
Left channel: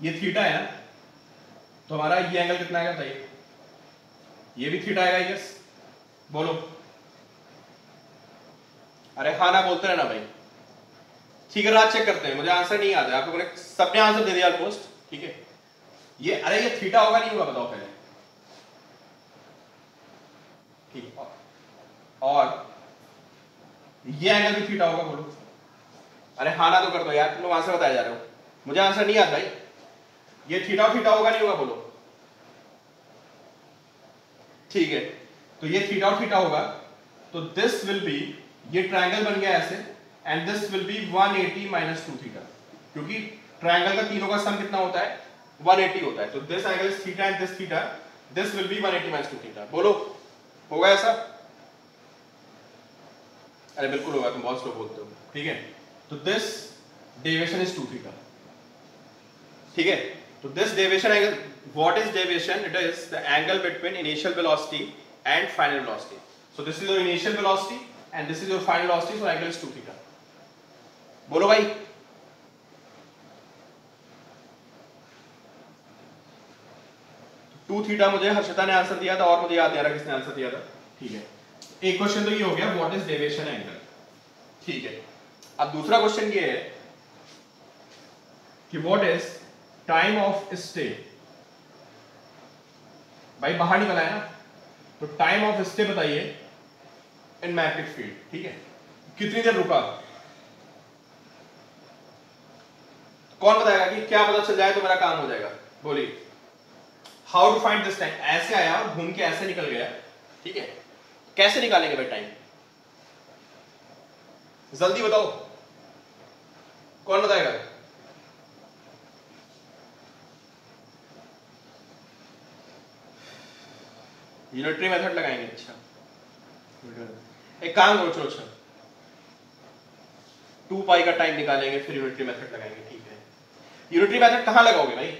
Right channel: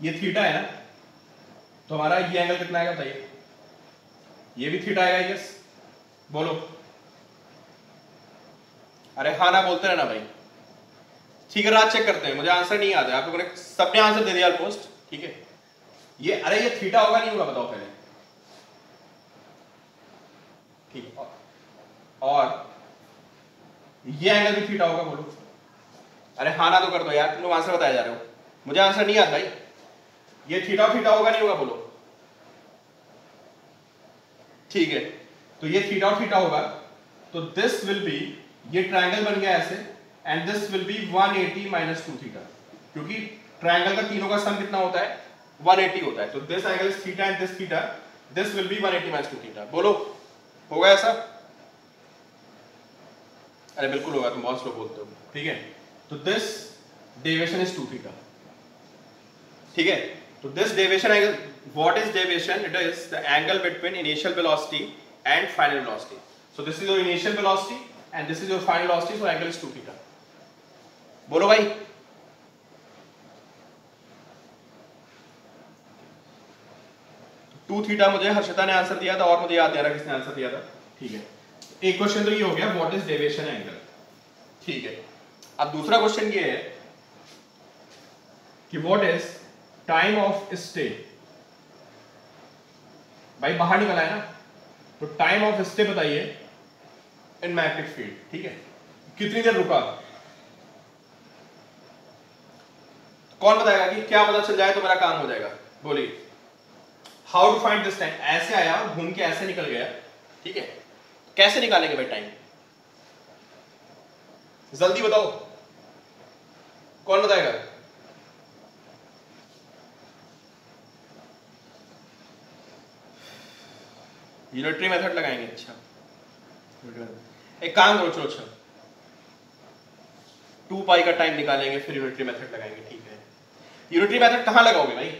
ये थीटा है ना, तो हमारा ये एंगल कितना आएगा बताइए? ये भी थीटा आएगा, आई गेस। बोलो। अरे हाँ ना बोलते रहना भाई। ठीक है, रात चेक करते हैं, मुझे आंसर नहीं आता। आप लोगों ने सबने आंसर दे दिया ऑलमोस्ट। ठीक है, ये अरे ये थीटा होगा नहीं होगा बताओ पहले। ठीक, और ये एंगल भी थीटा होगा, बोलो। अरे हाँ ना तो कर दो यार, तुम लोग आंसर बताया जा रहे हो, मुझे आंसर नहीं आता भाई। ये थीटा थीटा होगा नहीं होगा, बोलो। ठीक है, तो ये थीटा थीटा होगा, तो दिस विल बी, ये ट्रायंगल बन गया ऐसे, and this will B 180 minus 2 theta, क्योंकि ट्रायंगल का तीनों का सम कितना होता है? 180 होता है। तो this angle is theta and this theta, this will B 180 minus 2 theta. बोलो, होगा ऐसा? अरे बिल्कुल होगा, तुम बहुत स्लो बोलते हो। ठीक है, तो दिस डेविएशन इज 2 थीटा। ठीक है, तो this deviation angle, what is deviation? It is the angle between initial velocity and final velocity. So this is your initial velocity and this is your final velocity, so angle is 2 theta. बोलो भाई। टू थीटा मुझे हर्षिता ने आंसर दिया था, और मुझे याद नहीं आ रहा किसने आंसर दिया था। ठीक है, एक क्वेश्चन तो ये हो गया, व्हाट इज डेविएशन एंगल। ठीक है, अब दूसरा क्वेश्चन ये है कि what is time of stay. भाई बाहर निकला है ना, तो टाइम ऑफ स्टे बताइए इन मैग्नेटिक फील्ड। ठीक है, कितनी देर रुका? कौन बताएगा कि क्या पता चल जाए तो मेरा काम हो जाएगा? बोलिए। How to find this time. ऐसे आया और घूम के ऐसे निकल गया। ठीक है, कैसे निकालेंगे भाई टाइम? जल्दी बताओ, कौन बताएगा? यूनिटरी मेथड लगाएंगे। अच्छा, एक काम करो, चलो अच्छा 2 पाई का टाइम निकालेंगे, फिर यूनिटरी मेथड लगाएंगे। ठीक है, यूनिटरी मेथड कहां लगाओगे भाई?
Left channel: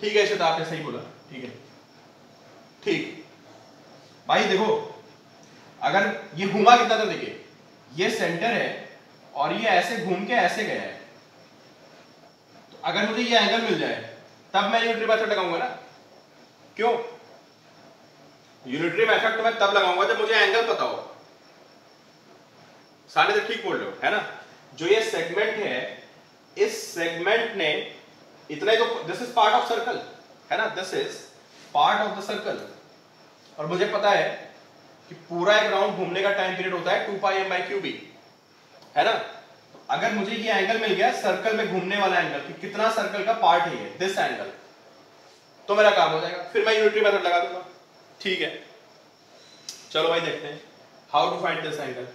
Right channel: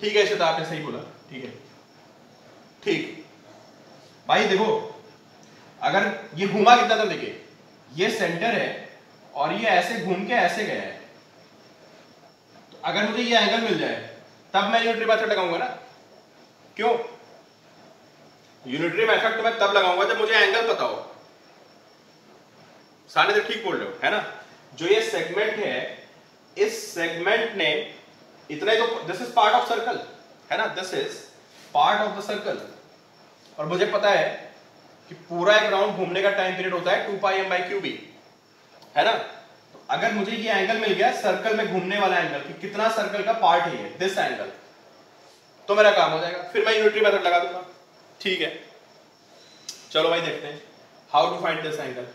ठीक है, श्वेता आपने सही बोला। ठीक है, ठीक भाई। देखो, अगर ये घुमा कितना था, देखिए ये सेंटर है और ये ऐसे घूम के ऐसे गया है, तो अगर मुझे ये एंगल मिल जाए तब मैं यूनिटरी मेथड लगाऊंगा ना। क्यों? यूनिटरी मेथड तो मैं तब लगाऊंगा जब मुझे एंगल पता हो। सारे तो ठीक बोल रहे हो, है ना? जो ये सेगमेंट है, इस सेगमेंट ने इतना ही तो, this is part of circle, है ना? This is part of the circle, और मुझे पता है कि पूरा एक राउंड घूमने का टाइम पीरियड होता है 2 पाई m by QB, है ना? तो अगर मुझे ये एंगल मिल गया, सर्कल में घूमने वाला एंगल, कि कितना सर्कल का पार्ट है दिस एंगल, तो मेरा काम हो जाएगा, फिर मैं यूनिटरी मेथड लगा दूंगा। ठीक है, चलो भाई देखते हैं how to find this angle.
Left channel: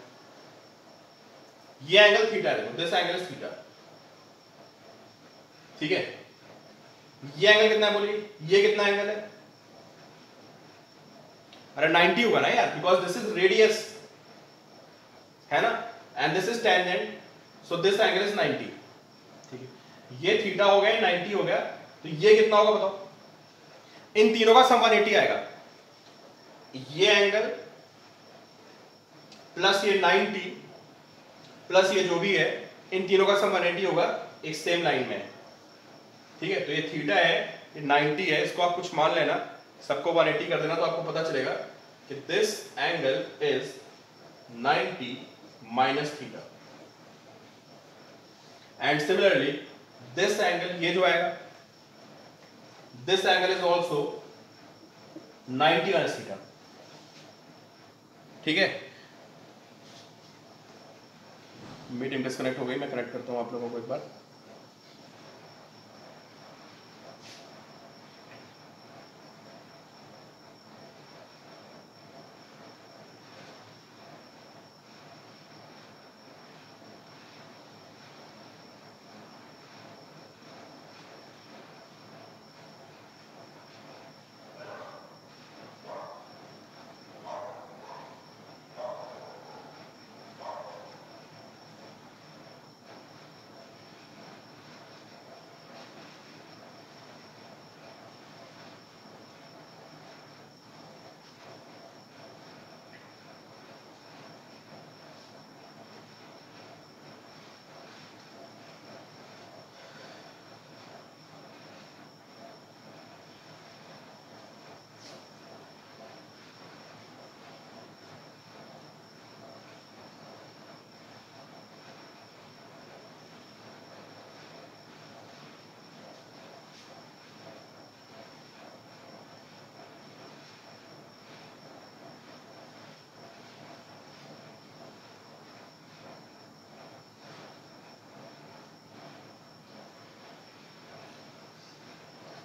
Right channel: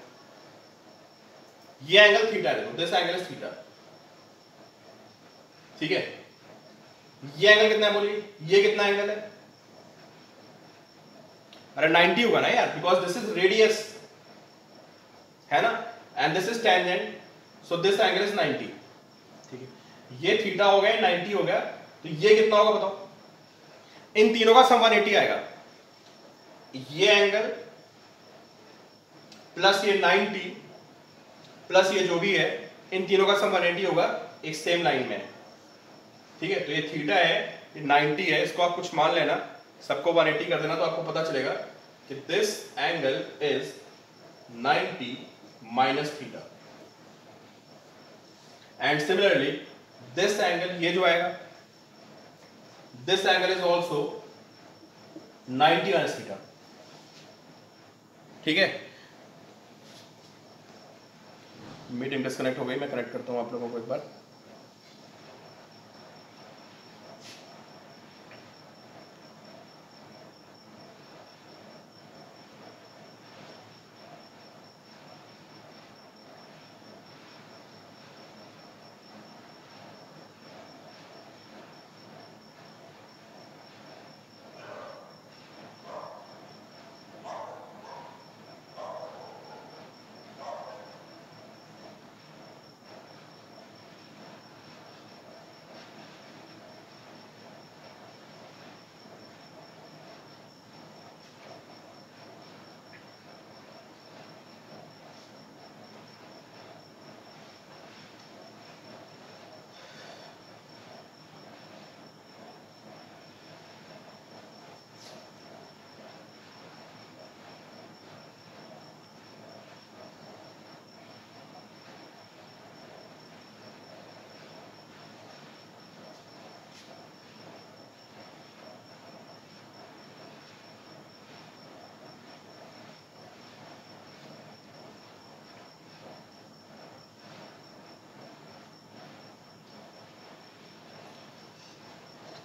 ये एंगल थीटा है, दिस एंगल इज थीटा। ठीक है, ये एंगल कितना है बोलिए? ये कितना एंगल है? अरे 90 होगा ना यार, बिकॉज दिस इज रेडियस, है ना? And this is tangent, so this angle is 90। ठीक है, ये थीटा हो गया, 90 हो गया, तो ये कितना होगा बताओ? इन तीनों का सम 180 आएगा। ये एंगल प्लस ये 90 प्लस ये जो भी है, इन तीनों का सम 180 होगा एक सेम लाइन में। ठीक है, तो ये थीटा है, ये 90 है, इसको आप कुछ मान लेना, सबको 180 कर देना, तो आपको पता चलेगा कि this angle is 90 minus theta. And similarly this angle, ये जो आएगा, this angle is also 90 minus theta. ठीक है, मीटिंग डिस्कनेक्ट हो गई, मैं कनेक्ट करता हूं आप लोगों को एक बार।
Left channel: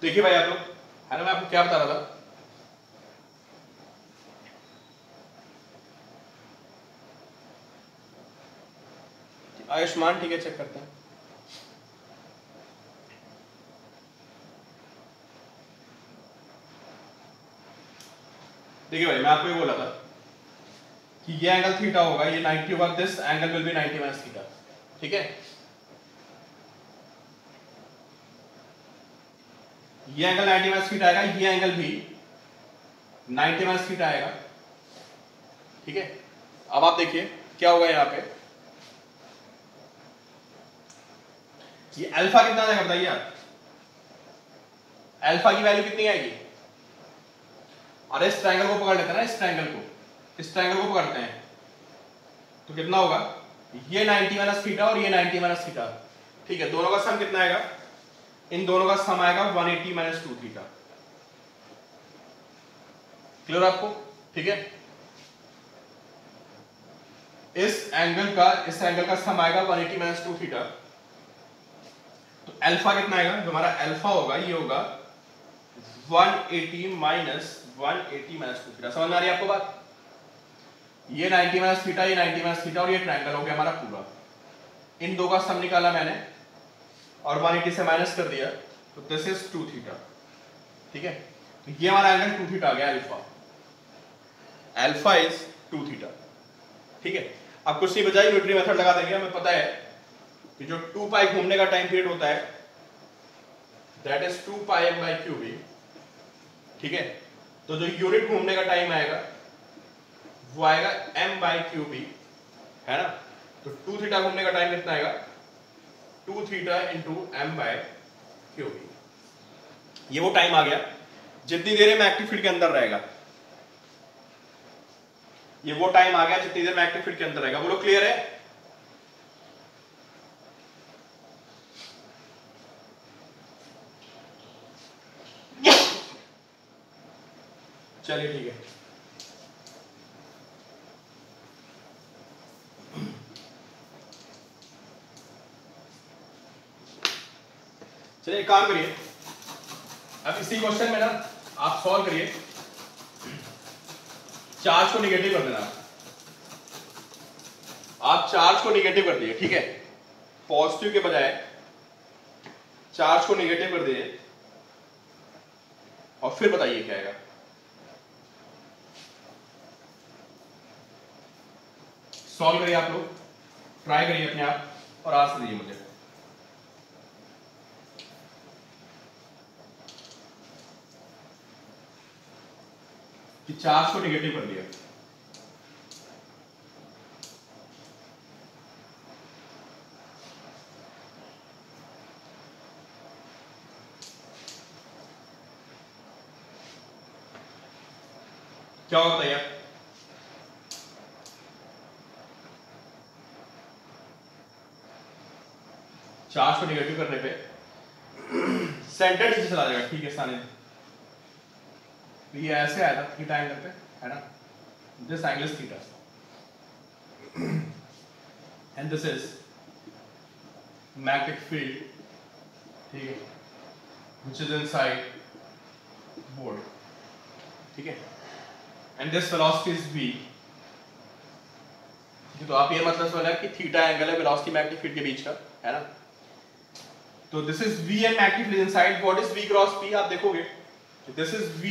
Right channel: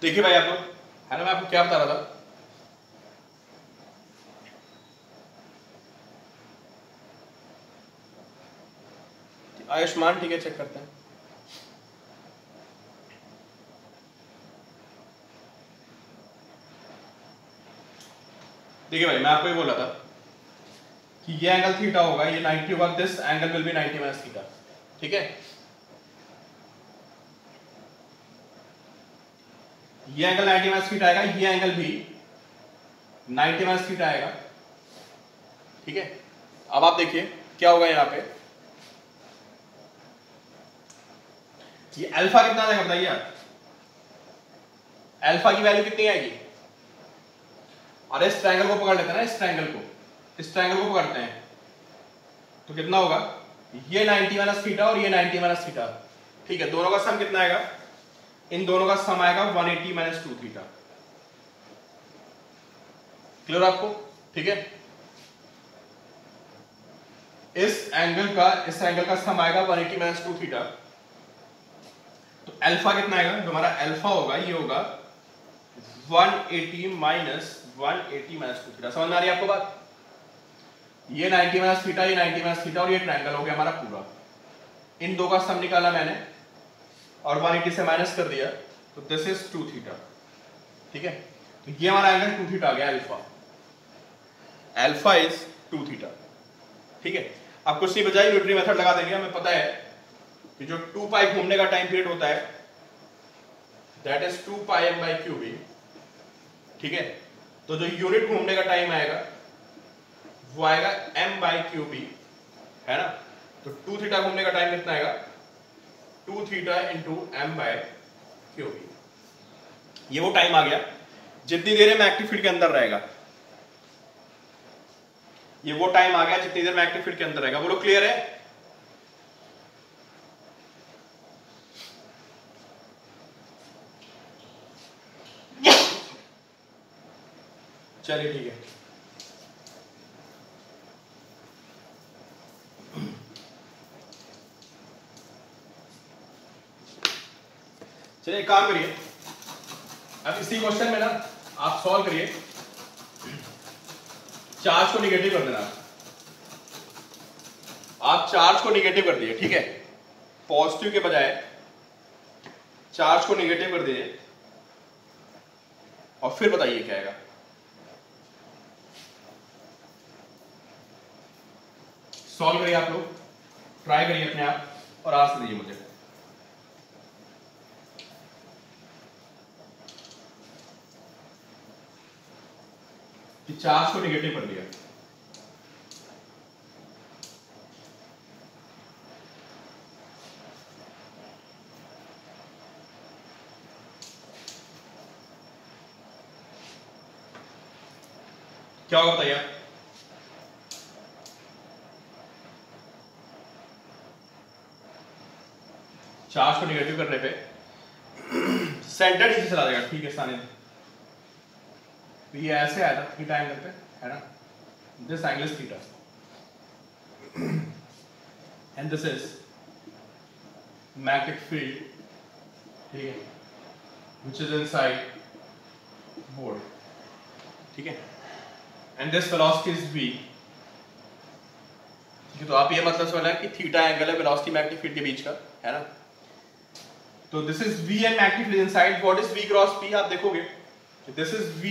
देखिए भाई आप लोग, है ना, मैं आपको क्या बता रहा था, आयुष्मान ठीक है, चेक करते हैं। देखिए भाई मैं आपको ये बोला था कि ये एंगल थीटा होगा, ये 90 होगा, this angle will be 90 minus theta, ठीक है। ये एंगल 90 माइनस थीटा आएगा, ये एंगल भी 90 माइनस थीटा आएगा, ठीक है। अब आप देखिए क्या होगा यहां पे, ये अल्फा कितना आएगा बताइए आप, अल्फा की वैल्यू कितनी आएगी, और इस ट्रायंगल को पकड़ लेते हैं ना, इस ट्रायंगल को पकड़ते हैं, तो कितना होगा, ये 90 माइनस थीटा और ये 90 माइनस थीटा, ठीक है। दोनों का सम कितना आएगा, इन दोनों का सम आएगा 180 माइनस 2 थीटा, क्लियर आपको, ठीक है। इस एंगल का सम आएगा 180 माइनस 2 थीटा, तो अल्फा कितना आएगा, जो हमारा अल्फा होगा ये होगा 180 माइनस 2 थीटा। समझ में आ रही है आपको बात, ये 90 माइनस थीटा, ये 90 माइनस थीटा, और ये ट्रायंगल हो गया हमारा पूरा, इन दो का सम निकाला मैंने और 180 से माइनस कर दिया, तो दिस इज 2 थीटा, ठीक है। ये हमारा एंगल 2 थीटा आ गया, अल्फा इज 2 थीटा, ठीक है। अब कुछ नहीं बचा, यूनिटरी मेथड लगा देंगे, हमें पता है कि जो 2 पाई घूमने का टाइम पीरियड होता है that is 2 pi m by Q B, ठीक है। तो जो यूनिट घूमने का टाइम आएगा वो आएगा m बाई क्यू बी, है ना। तो 2 थीटा घूमने का टाइम कितना आएगा, 2 theta into m by Q B, ये वो टाइम आ गया जितनी देर में एक्टिव फील्ड के अंदर रहेगा, ये वो टाइम आ गया जितनी देर में एक्टिव फील्ड के अंदर रहेगा। बोलो क्लियर है, चलिए ठीक है। चलिए एक काम करिए, अब इसी क्वेश्चन में ना आप सॉल्व करिए, चार्ज को निगेटिव कर देना, आप चार्ज को निगेटिव कर दिए, ठीक है। पॉजिटिव के बजाय चार्ज को निगेटिव कर दिए, और फिर बताइए क्या आएगा। सॉल्व करिए आप लोग, ट्राई करिए अपने आप, और आंसर दीजिए मुझे। कि चार्ज को निगेटिव कर दिया, क्या होगा बताइए आप। चार्ज को निगेटिव करने पे सेंटर नीचे चला जाएगा, ठीक है साने, तो ये ऐसे आया था थीटा एंगल पे, है ना, this angle is theta and this is magnetic field, ठीक है, व्हिच इज इनसाइड बोर्ड, ठीक है, and this velocity is v, तो आप ये मतलब समझना कि थीटा एंगल है वेलोसिटी मैग्नेटिक फील्ड के बीच का, है ना। तो this is v and magnetic field inside, what is v cross p, आप देखोगे this is v,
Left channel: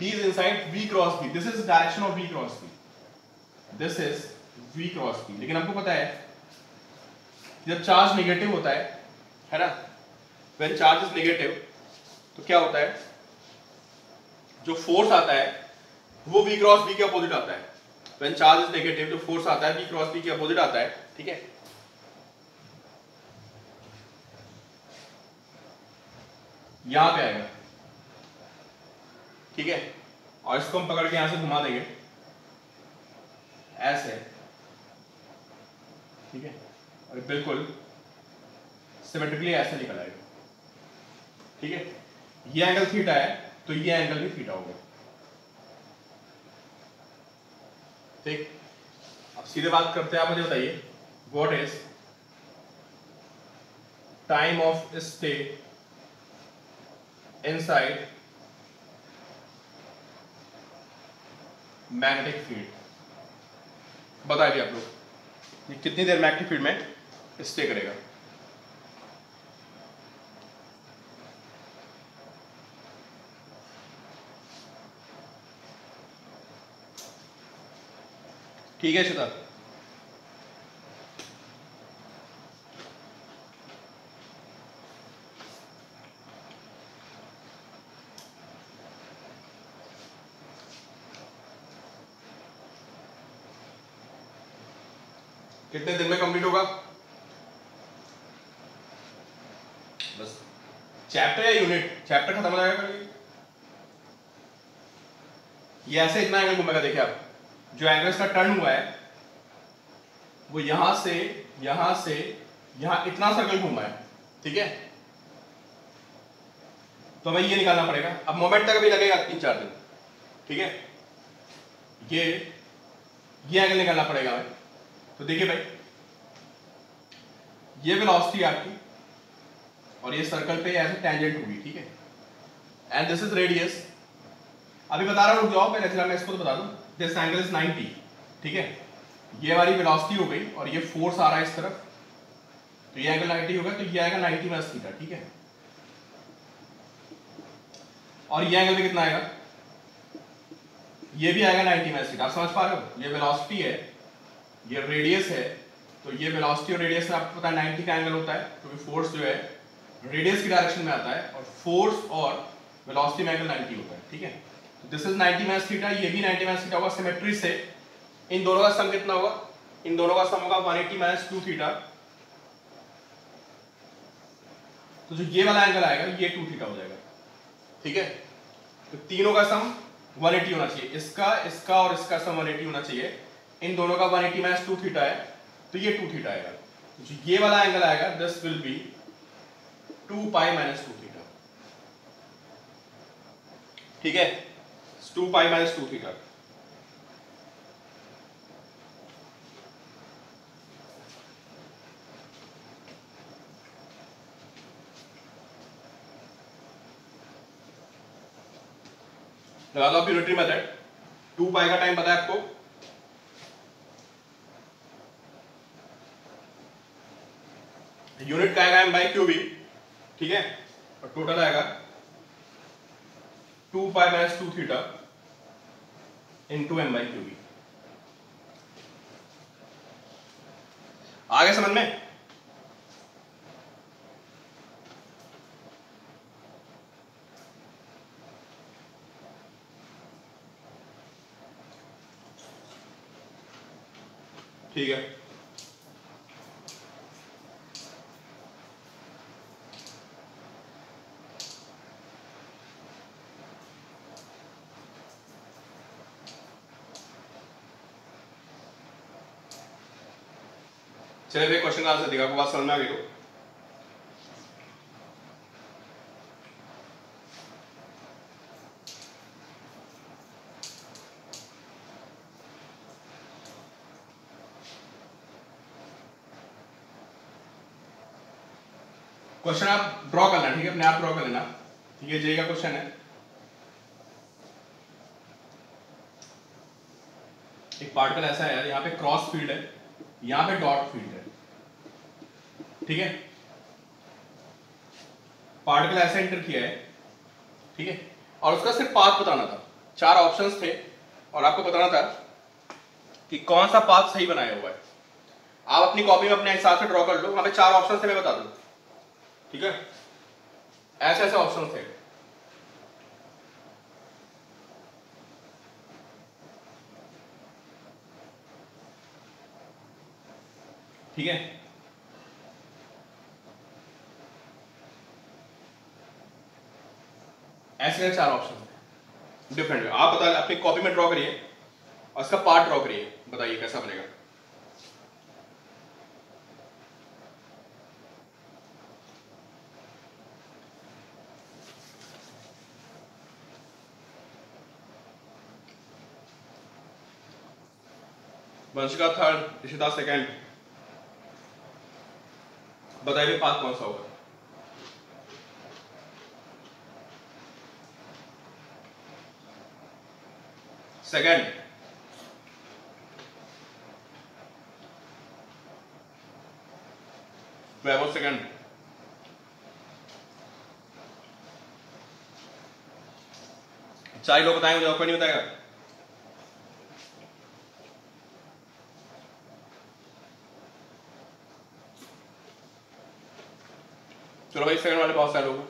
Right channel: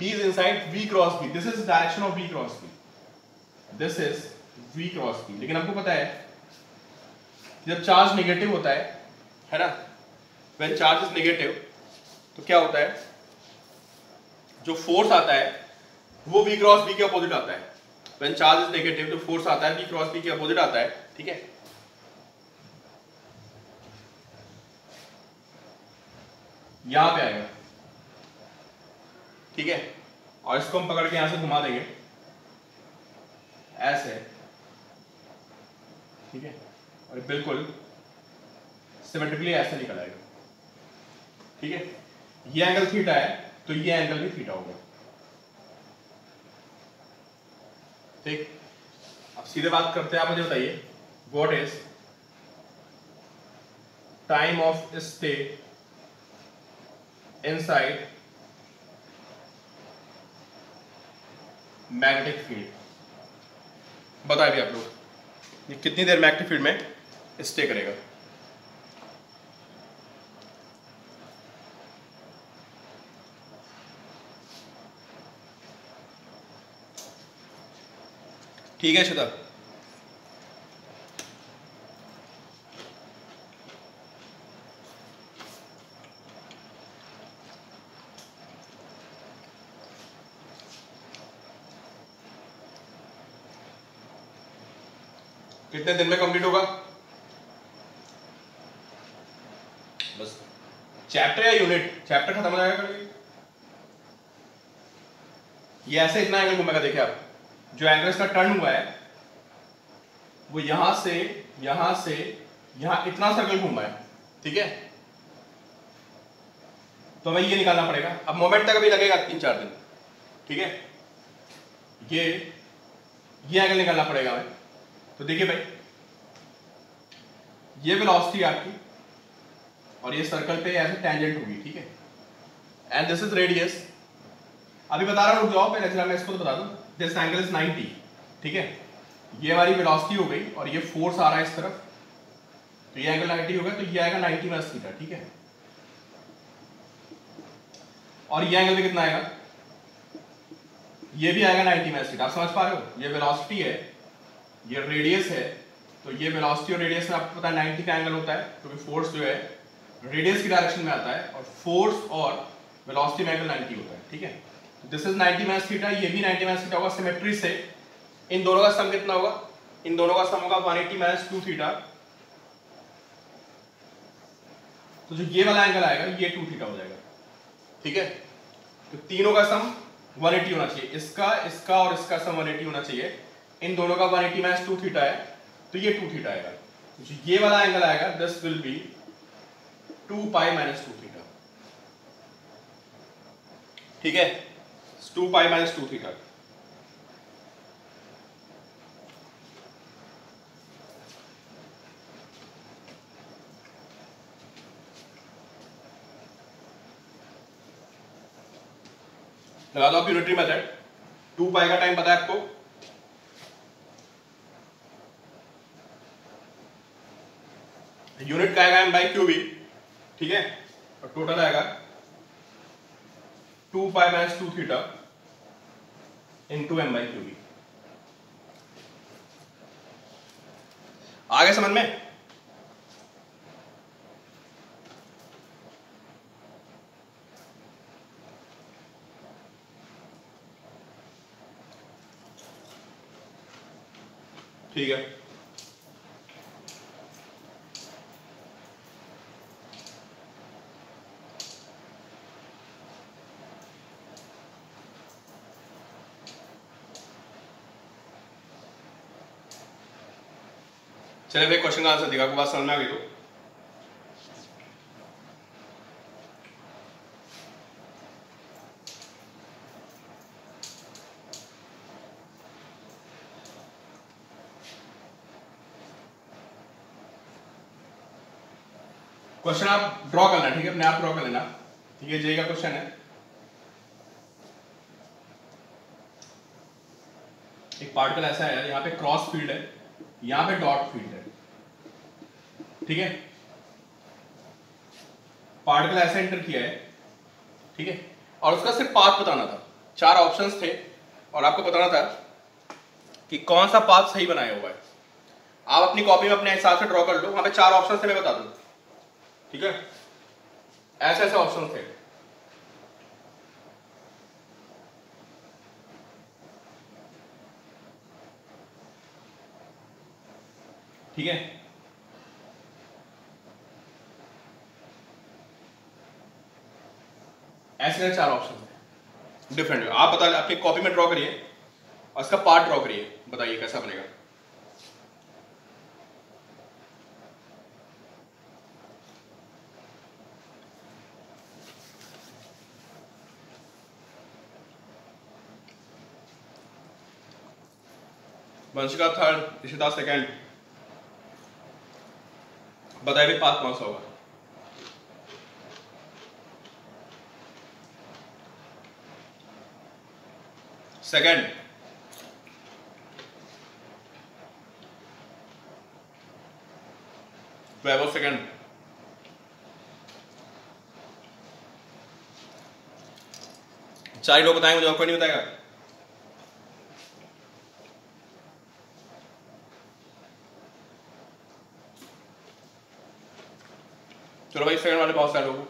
b is inside v cross b, this is the direction of v cross b, this is v cross b। लेकिन आपको पता है जब चार्ज नेगेटिव होता है ना, when charge is negative, तो क्या होता है, जो फोर्स आता है वो v क्रॉस b के अपोजिट आता है। when charge is negative, जो फोर्स आता है v क्रॉस b के अपोजिट आता है, ठीक है। यहां पे आएगा, ठीक है, और इसको हम पकड़ के यहां से घुमा देंगे ऐसे, ठीक है, और बिल्कुल सिमेट्रिकली ऐसे निकल आएगा, ठीक है। ये एंगल थीटा है तो ये एंगल भी थीटा होगा, ठीक। अब सीधे बात करते हैं, आप मुझे बताइए what is time of stay inside magnetic field. बताइए आप लोग ये कितनी देर मैग्नेटिक फील्ड में स्टे करेगा। ठीक है श्वेता, कितने दिन में कंप्लीट होगा? बस चैप्टर या यूनिट? चैप्टर खत्म हो जाएगा कल। ये ऐसे इतना एंगल घूमेगा, देखिए आप जो एंगल इसका टर्न हुआ है वो यहां से यहां इतना सर्कल घूमा है, ठीक है। तो हमें ये निकालना पड़ेगा। अब मोमेंट तक अभी लगेगा 3-4 दिन, ठीक है। ये एंगल निकालना पड़ेगा हमें। तो देखिए भाई, ये वेलोसिटी आपकी और ये सर्कल पे ऐसे टेंजेंट होगी, ठीक है। And this is radius. अभी बता रहा हूं, जाओ पहले मैं इसको तो बता दूं। दिस एंगल इज 90, ठीक है। ये हमारी वेलोसिटी हो गई और ये फोर्स आ रहा है इस तरफ, तो ये एंगल 90 होगा, तो ये आएगा 90 माइनस थीटा, ठीक है। और ये एंगल भी कितना आएगा? ये भी आएगा 90 माइनस थीटा। आप समझ पा रहे हो? ये वेलोसिटी है, ये रेडियस है, तो ये वेलोसिटी और रेडियस में आपको पता है 90 का एंगल होता है, क्योंकि फोर्स जो है रेडियस की डायरेक्शन में आता है और फोर्स और वेलोसिटी में एंगल 90 होता है, ठीक है। दिस इज 90 माइनस थीटा, ये भी 90 माइनस थीटा होगा। सिमेट्री से इन दोनों का सम कितना होगा? इन दोनों का सम होगा 180 माइनस 2 थीटा। तो जो ये वाला एंगल आएगा ये 2 थीटा हो जाएगा, ठीक है। तो तीनों का सम 180 होना चाहिए। इसका और इसका सम 180 होना चाहिए। इन दोनों का 180 माइनस 2 थीटा है, तो ये 2 थीटा आएगा। तो ये वाला एंगल आएगा, this will B 2 pi minus 2 theta, ठीक है। 2 पाई माइनस 2 थीटा। लगा लो आप यूनिटरी मेथड। 2 पाई का टाइम पता है आपको, यूनिट का आएगा m/क्यूबी, ठीक है। और टोटल आएगा 2 पाई माइनस 2 थीटा इंटू m/क्यूबी। आगे समझ में? ठीक है। चलिए भाई, क्वेश्चन का आंसर दिखा, आपको बात समझ में आ गई तो? क्वेश्चन आप ड्रॉ करना, ठीक है, अपने आप ड्रॉ कर लेना। ये जे का क्वेश्चन है। एक पार्टिकल ऐसा है, यहाँ पे क्रॉस फील्ड है, यहाँ पे डॉट फील्ड है, ठीक है। पार्टिकल ऐसा एंटर किया है, ठीक है, और उसका सिर्फ पाथ बताना था। 4 ऑप्शंस थे और आपको बताना था कि कौन सा पाथ सही बनाया हुआ है। आप अपनी कॉपी में अपने हिसाब से ड्रॉ कर लो। हमें 4 ऑप्शन थे, मैं बता दूं, ठीक है। ऐसे ऐसे ऑप्शन थे, ठीक है। ऐसे 4 ऑप्शन डिफरेंट है। आप बता, आपकी कॉपी में ड्रॉ करिए और इसका पार्ट ड्रॉ करिए, बताइए कैसा बनेगा। Vanshika third, Rishita second. बताइए पाथ कौन सा होगा? सेकंड, ट्वेल्व सेकंड, चार लोग बताएंगे, मुझे कोई नहीं बताएगा। चलो भाई, सेकंड वाले बहुत सारे लोग।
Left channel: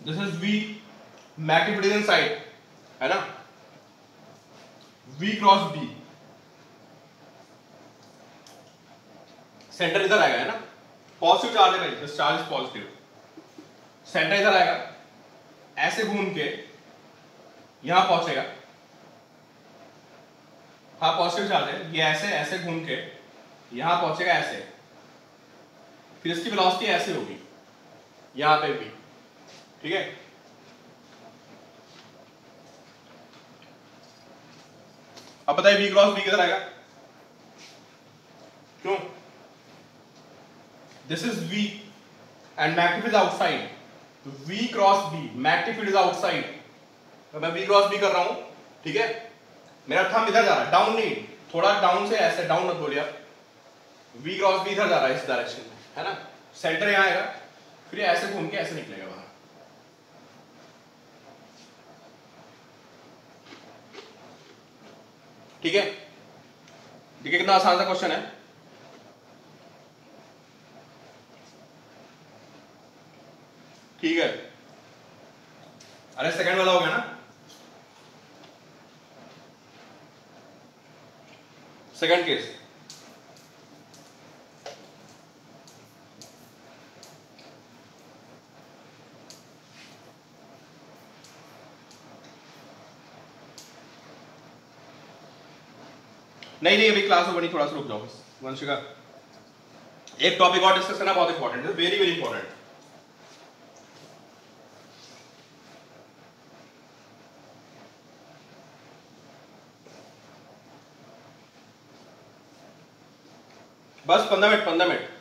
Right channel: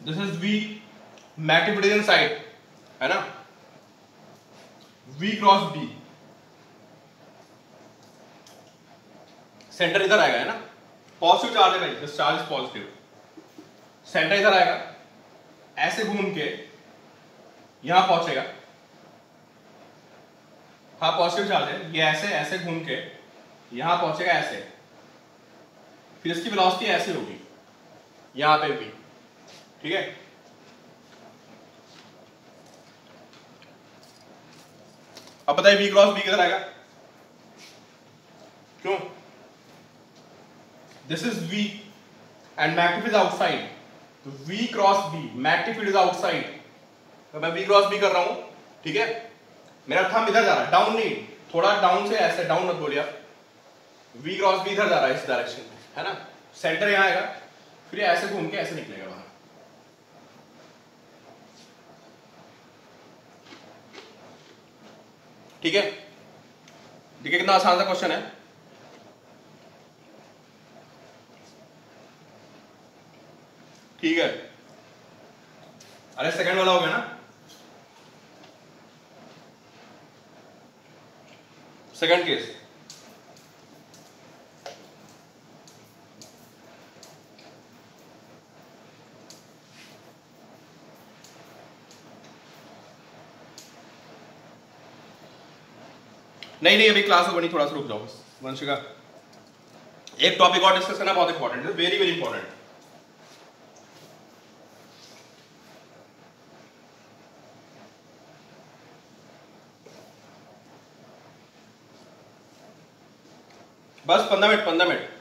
दिस इज V, मैक्टिफिकेशन साइड है ना, V क्रॉस B, सेंटर इधर आएगा है ना, पॉजिटिव चार्ज है भाई, this charge is positive, centre इधर आएगा, ऐसे घूम के यहां पहुंचेगा, हाँ पॉजिटिव चार्ज है, ये ऐसे ऐसे घूम के यहां पहुंचेगा ऐसे, फिर इसकी वेलोसिटी ऐसे होगी यहां पे भी, ठीक है। अब बताइए V क्रॉस B किधर आएगा, क्यों? This is V and magnetic field outside, तो V cross B, magnetic field is outside, तो मैं V क्रॉस B कर रहा हूं, ठीक है। मेरा थंब इधर जा रहा है, डाउन नहीं, थोड़ा डाउन से ऐसे, डाउन मत बोलिए आप, V क्रॉस B इधर जा रहा है इस डायरेक्शन में, है ना, सेंटर यहां आएगा, फिर ऐसे घूम के ऐसे निकलेगा बाहर, ठीक है। देखिए कितना आसान सा क्वेश्चन है, ठीक है। अरे सेकंड वाला हो गया ना, सेकंड केस, नहीं अभी क्लास में बनी, थोड़ा सा रुक जाओ बस वंशिका, एक टॉपिक और डिस्कस करना बहुत इंपॉर्टेंट है, वेरी वेरी इंपॉर्टेंट। बस 15 मिनट, 15 मिनट।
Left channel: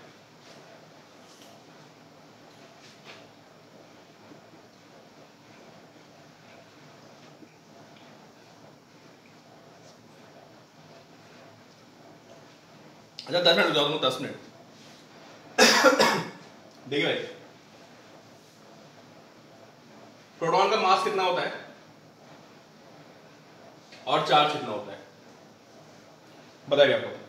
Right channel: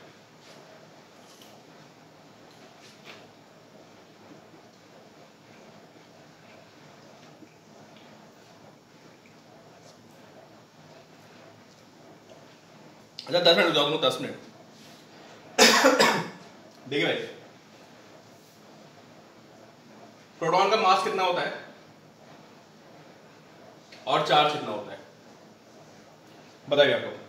अच्छा 10 मिनट हो जाओ, 10 मिनट। देखिए भाई, प्रोटॉन का मास कितना होता है और चार्ज कितना होता है, बताइए आपको।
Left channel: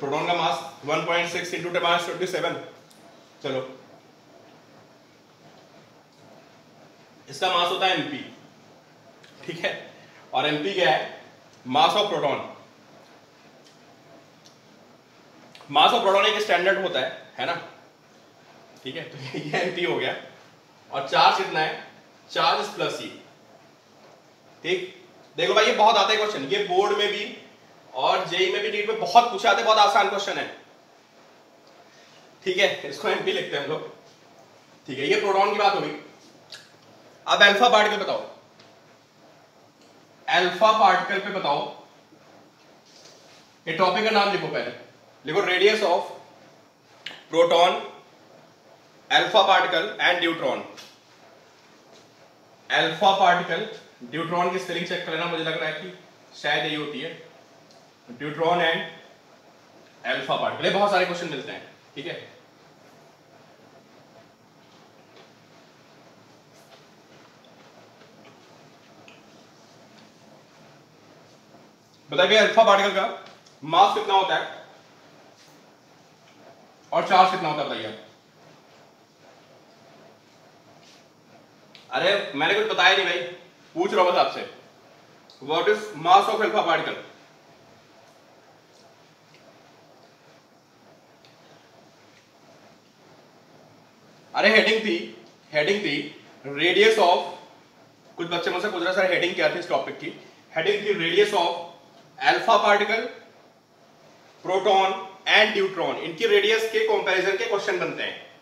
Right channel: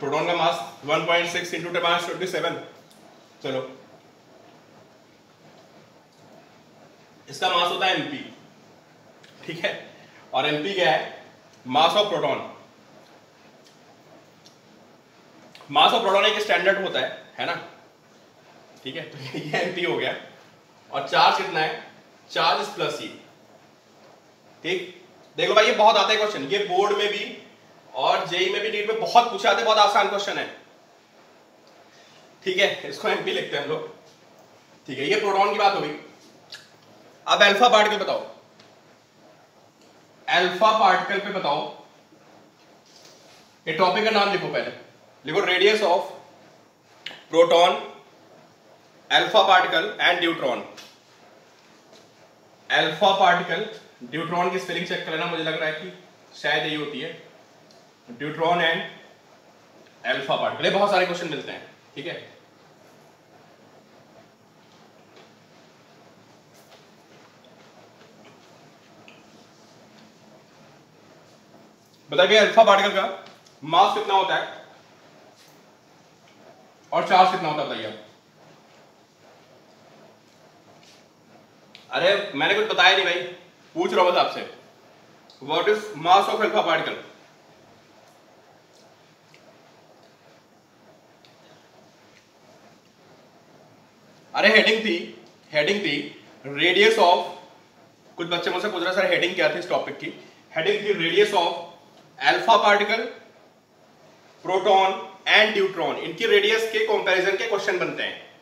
प्रोटॉन का मास 1.6 इंटू 10⁻⁷ चलो, इसका मास होता है mp, ठीक है, और mp क्या है, mass of proton. Mass of proton एक स्टैंडर्ड होता है ना, ठीक है, तो ये mp हो गया, और चार्ज कितना है, चार्ज प्लस ई, ठीक। देखो भाई ये बहुत आता है क्वेश्चन, ये बोर्ड में भी और जेई में भी, नीट में बहुत पूछा जाता है, बहुत आसान क्वेश्चन है, ठीक है, इसको एमपी लिखते हैं हम लोग, ठीक है। ये प्रोटॉन की बात हो गई। अब अल्फा पार्टिकल बताओ, अल्फा पार्टिकल पे बताओ, ये टॉपिक का नाम लिखो, पहले लिखो radius of proton, alpha particle and neutron. Alpha particle, neutron की स्पेलिंग चेक करना, मुझे लग रहा है कि शायद यही होती है, न्यूट्रॉन एंड अल्फा पार्टिकल। बहुत सारे क्वेश्चन मिलते हैं, ठीक है। बताइए अल्फा पार्टिकल का मास कितना होता है और चार्ज कितना होता है, बताइए। अरे मैंने कुछ बताया नहीं भाई, पूछ रहा हूं बस आपसे, what is mass of alpha particle. अरे हेडिंग थी रेडियस ऑफ, कुछ बच्चे मुझसे पूछ रहे सर हेडिंग क्या थी इस टॉपिक की, हेडिंग थी radius of alpha particle, proton and neutron, इनकी रेडियस के कंपैरिजन के क्वेश्चन बनते हैं,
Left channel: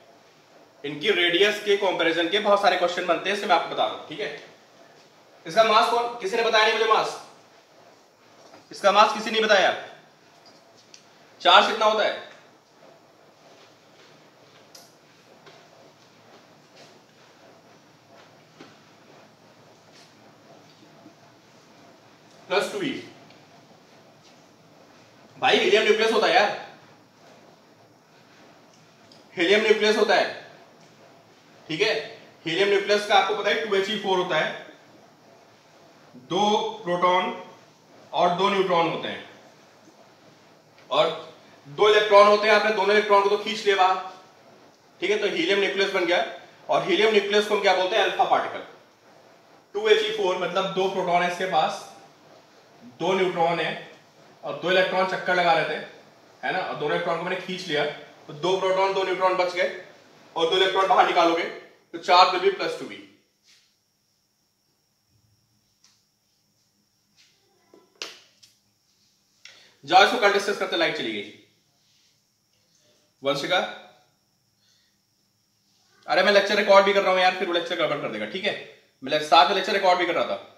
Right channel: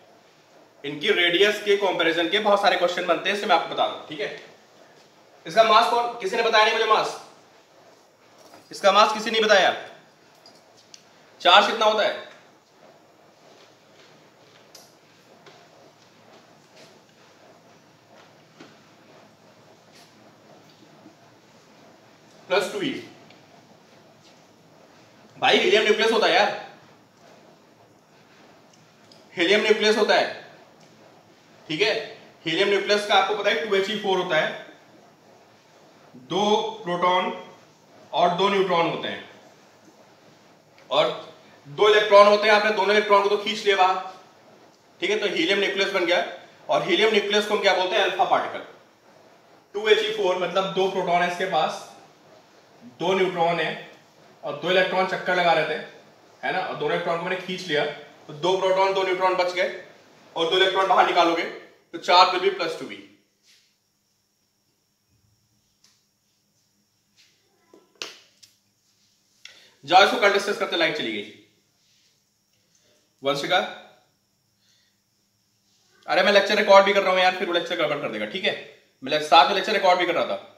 इनकी रेडियस के कंपैरिजन के बहुत सारे क्वेश्चन बनते हैं, इससे मैं आपको बता दूं, ठीक है। इसका मास कौन, किसी ने बताया नहीं मुझे मास, इसका मास किसी ने बताया। चार्ज कितना होता है? +2e। भाई हीलियम न्यूक्लियस होता है यार, हीलियम न्यूक्लियस होता है, ठीक है। हीलियम न्यूक्लियस का आपको पता है 2He4 होता है, 2 प्रोटॉन और 2 न्यूट्रॉन होते हैं, और 2 इलेक्ट्रॉन होते हैं। आपने दोनों इलेक्ट्रॉन को तो खींच लिया बाहर, ठीक है, तो हीलियम न्यूक्लियस बन गया। और हीलियम न्यूक्लियस को हम क्या बोलते हैं? Alpha particle. 2He4 मतलब 2 प्रोटॉन है इसके पास, 2 न्यूट्रॉन है और 2 इलेक्ट्रॉन चक्कर लगा रहे थे, है ना, और दोनों इलेक्ट्रॉन को मैंने खींच लिया, तो 2 प्रोटॉन 2 न्यूट्रॉन बच गए, और 2 इलेक्ट्रॉन बाहर निकालोगे तो चार्ज विल बी +2e। जाओ इसको कल डिस्कस करते, लाइट चली गई। वंशिका, अरे मैं लेक्चर रिकॉर्ड भी कर रहा हूं यार, फिर वो लेक्चर गड़बड़ कर देगा, ठीक है। मैं साथ में लेक्चर रिकॉर्ड भी कर रहा था।